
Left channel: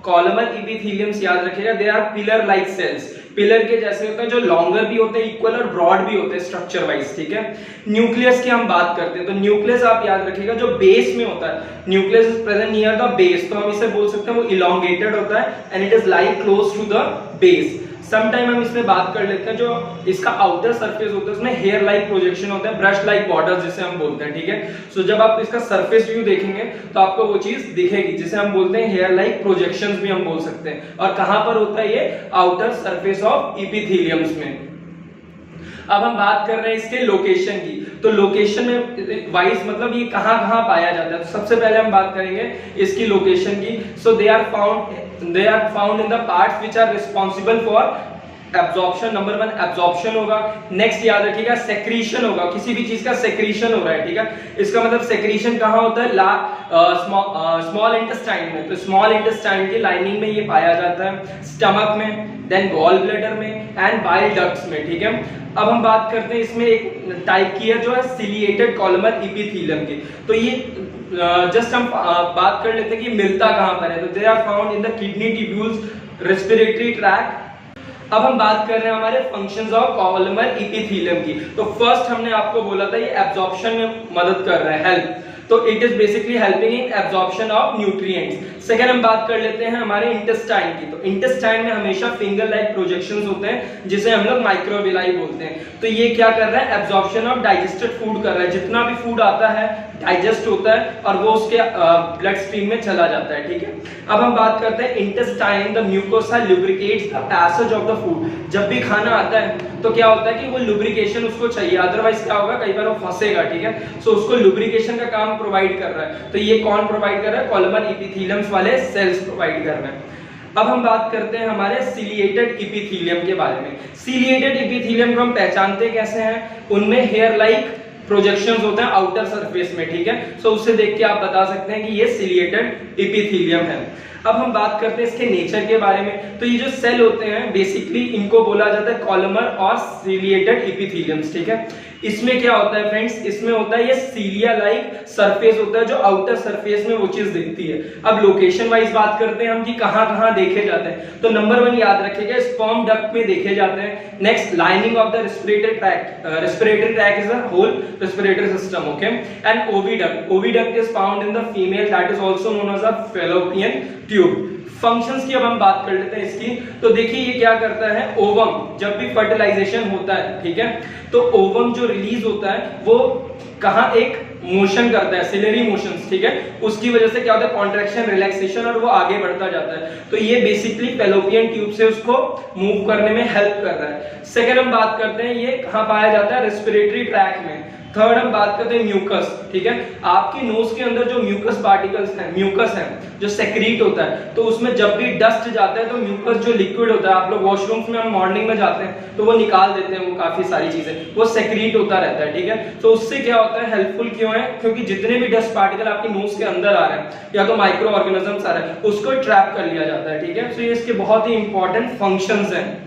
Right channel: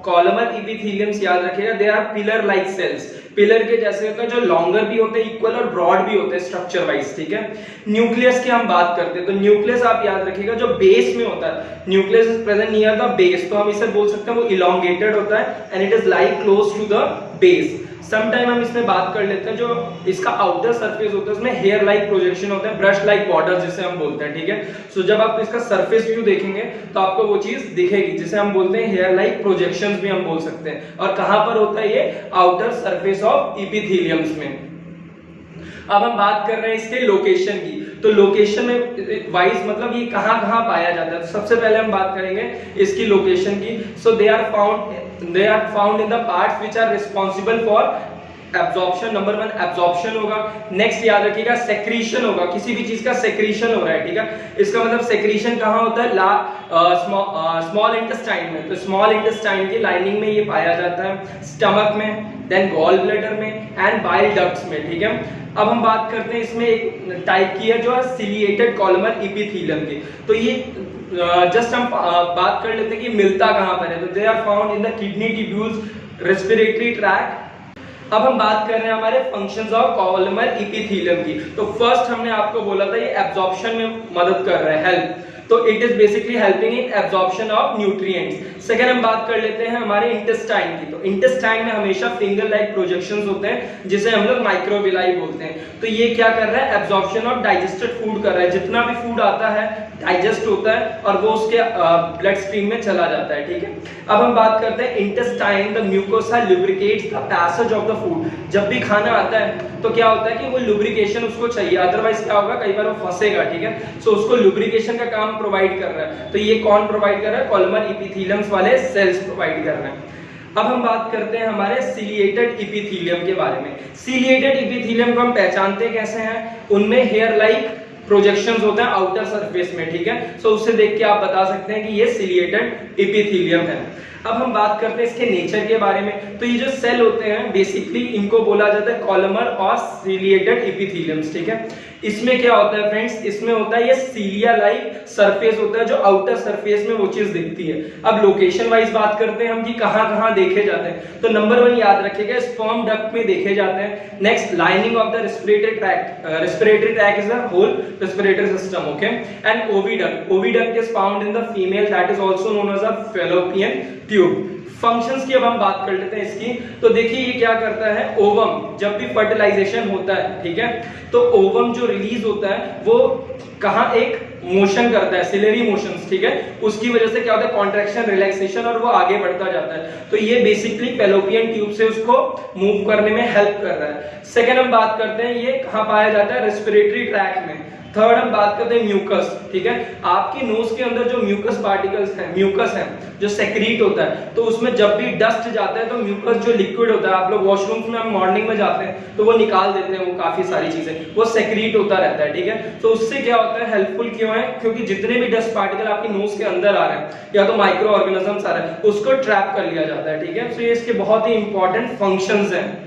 कॉलमर इपिथेलियम्स याद रखिएगा, they are pillar like cells. Pillar के जैसे होते हैं, जो लॉन्गर भी होते हैं, इक्वल और ब्रॉड भी होते हैं स्ट्रक्चर वाइज, ठीक है। न्यूक्लियस की हम बात करते हैं, तो न्यूक्लियस आप याद रखिएगा जो बेस में होता है, nucleus is present near the base, तो हम इसे बोल सकते हैं वो इलोंगेटेड होता है and it is like close to the base. Sometime हम इसमें बात कर लेते हैं, जो इसका आउटर सरफेस होता है उसमें हेयर लाइक प्रोजेक्शन होता है, ब्रश लाइक बॉर्डर जिसे हम बोलते हैं, ठीक है। सो जब आप इसका सरफेस व्यू देखेंगे तो आपको वो चीज दिखेगी जिसे हम बोलते हैं हेयर लाइक प्रोजेक्शंस भी हम बोल सकते हैं। और कहां पर होता है ये? आउटर सरफेस ऑफ इपिथेलियम्स में। अब हम बात कर रहे हैं इसके लोकेशन की। तो लोकेशन में वाइज मतलब ये कहां कहां पाया जाता है, तो सबसे पहले हम बात करेंगे इसकी लोकेशन की। So they are found in the parts which are responsible for absorption. Number 1 absorption होगा। नेक्स्ट याद रखिएगा सेक्रीशन होगा, किसी भी चीज का सेक्रीशन हो रहा है, ठीक है। इसका मतलब सेक्रीशन कहां होता है? स्मॉल इंटेस्टाइन में। तो स्मॉल इंटेस्टाइन की लाइनिंग में ये पाया जाता है, स्टमक में, देन गॉल ब्लैडर में एंड बाइल डक्ट्स में, ठीक है। अब हम बात करते हैं इसमें एक टाइप की है जो है सिलिएटेड कॉलमर इपिथेलियम की। तो ये जस्ट हम बात कर लेते हैं कि मिलता कहां पर है। तो they are found in the kidney tubules, respiratory tract. अब हम बात कर रहे हैं हमारे फंक्शंस ऑफ कॉलमर इपिथेलियम की। तो फर्स्ट हमने आपको बोला था ये एब्जॉर्प्शन में मदद कर रहा है, हेल्प। तो it is basically helping in absorption of nutrients. Second हम बात कर लेते हैं हमारे इंटेस्टाइन की। तो इंटेस्टाइन में हमेशा फिंगर लाइक प्रोजेक्शंस होते हैं जिसे हम लोग माइक्रोविलाई बोलते हैं। तो ये क्या कर रहा है? एब्जॉर्प्शन ऑफ डाइजेस्टेड फूड कर रहा है। जितना भी फूड आता है डाइजेस्ट होता है और वो उसके ब्लड स्ट्रीम में चला जाता है, ठीक है। अब हम बात करते हैं intestine, the mucosa lubricates the passage of the food. जब भी खाना आता है तो क्या होता है कि वो लुब्रिकेशन उसको चाहिए, अदरवाइज क्या होगा, कई बार वो फंसेगा, ठीक है। सो उसको लुब्रिकेशन का काम प्रोवाइड कर रहा है। तो ये कौन प्रोवाइड कर रहा है? कॉलमर इपिथेलियम्स वाले सेल्स प्रोवाइड कर रहे हैं। अब हम बात करते हैं हमारे सिलिएटेड इपिथेलियम के बारे में। सिलिएटेड इपिथेलियम को हम पहचानते कैसे हैं? उनमें हेयर लाइक प्रोजेक्शंस होते हैं आउटर सरफेस में, ठीक है। सो उससे देख के आप बता सकते हैं कि ये सिलिएटेड इपिथेलियम है। अब हम बात करते हैं इसके नेचर के बारे में। तो ये जो सेल होते हैं बेसिकली इनको बोला जाता है कॉलमर और सिलिएटेड इपिथेलियम्स, ठीक है। इसमें क्या होता है फ्रेंड्स? इसमें होता है ये सीलिया लाइक सरफेस होता है जो आउटर सरफेस में वो चीज दिखती है। अब लोकेशन वाइज बात करते हैं हम कि कहां कहां देखे जाते हैं। तो नंबर 1 याद रखिएगा, स्पर्म डक्ट में देखे जाते हैं। Next lining of the respiratory tract. Respiratory tract is a whole respiratory system, okay. And oviduct. Oviduct is found in the female, that is also known as a fallopian tube. Functions की अब हम बात कर लेते हैं इसकी। तो देखिए ये क्या करता है, ओवम जब भी फर्टिलाइजेशन होता है, ठीक है, तो ओवम जो रिलीज होता है वो कहां एक मोशन करता है, सिलेरी मोशंस, ठीक है। उसकी वजह से क्या होता है, कॉन्ट्रैक्शन, रिलैक्सेशन, और वो आगे बढ़ता जाता है। तो ये बेसिकली फैलोपियन ट्यूब से उसको मूव करने में हेल्प कर रहा है। सेकंड हम बात करते हैं ये कहां पाया जाता है, रेस्पिरेटरी ट्रैक्ट में। थर्ड हम बात करते हैं म्यूकस, ठीक है। आपकी नोज के अंदर जो म्यूकस पार्टिकल्स हैं, म्यूकस है जो सेक्रीट होता है, तो उसमें जब भी डस्ट जाता है तो म्यूकस जो लिक्विड होता है, आप लोग वॉशरूम्स में हम मॉर्निंग में जाते हैं तो वो निकाल देते हैं, वो काफी सारी चीजें वो सेक्रीट होता रहता है, ठीक है। तो उससे क्या होता है, हेल्पफुल क्यों है, क्योंकि जितने भी डस्ट पार्टिकल आपकी नोज के अंदर आ रहे हैं या तो माइक्रो ऑर्गेनिजम्स आ रहे हैं उसको ट्रैप कर लिया जाता है, ठीक है। तो ये इसके बहुत ही इंपॉर्टेंट फंक्शंस हैं।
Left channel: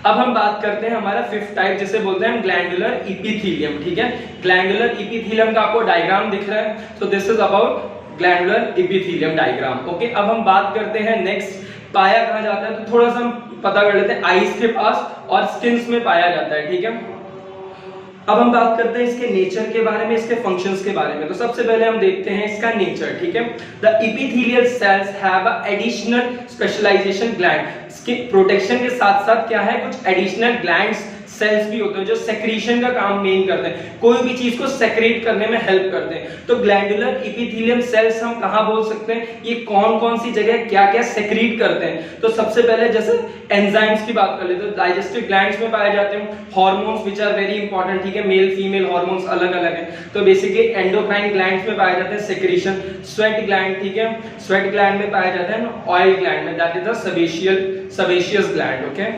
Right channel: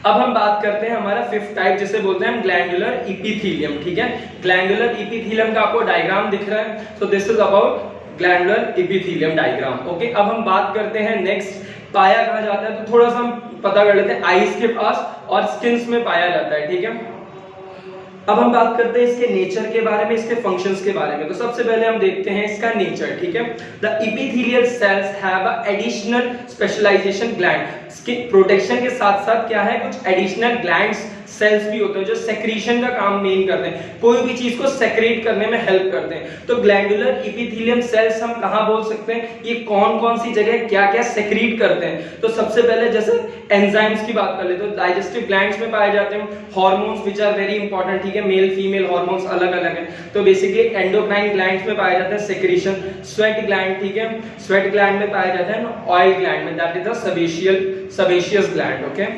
अब हम बात करते हैं हमारा फिफ्थ टाइप जिसे बोलते हैं ग्लैंडुलर इपिथेलियम, ठीक है। ग्लैंडुलर इपिथेलियम का आपको डायग्राम दिख रहा है, so this is about glandular epithelium diagram, okay. अब हम बात करते हैं नेक्स्ट पाया कहां जाता है, तो थोड़ा सा हम पता कर लेते हैं। आईज के पास और स्किन्स में पाया जाता है, ठीक है। अब हम बात करते हैं इसके नेचर के बारे में, इसके फंक्शंस के बारे में। तो सबसे पहले हम देखते हैं इसका नेचर, ठीक है। The epithelial cells have a additional specialization gland. इसके प्रोटेक्शन के साथ साथ क्या है, कुछ एडिशनल ग्लैंड्स सेल्स भी होते हैं जो सेक्रीशन का काम मेन करते हैं, कोई भी चीज को सेक्रेट करने में हेल्प करते हैं। तो ग्लैंडुलर इपिथेलियम सेल्स हम कहां बोल सकते हैं, ये कौन कौन सी जगह क्या क्या सेक्रेट करते हैं। तो सबसे पहले जैसे एंजाइम्स की बात कर लेते हैं, डाइजेस्टिव ग्लैंड्स में पाए जाते हैं। Hormones which are very important, ठीक है, मेल फीमेल हार्मोन्स अलग अलग हैं, तो बेसिकली एंडोक्राइन ग्लैंड्स में पाए जाते हैं सेक्रेशन। स्वेट ग्लैंड, ठीक है, स्वेट ग्लैंड में पाए जाते हैं। ऑयल ग्लैंड में, that is the sebaceous gland, okay.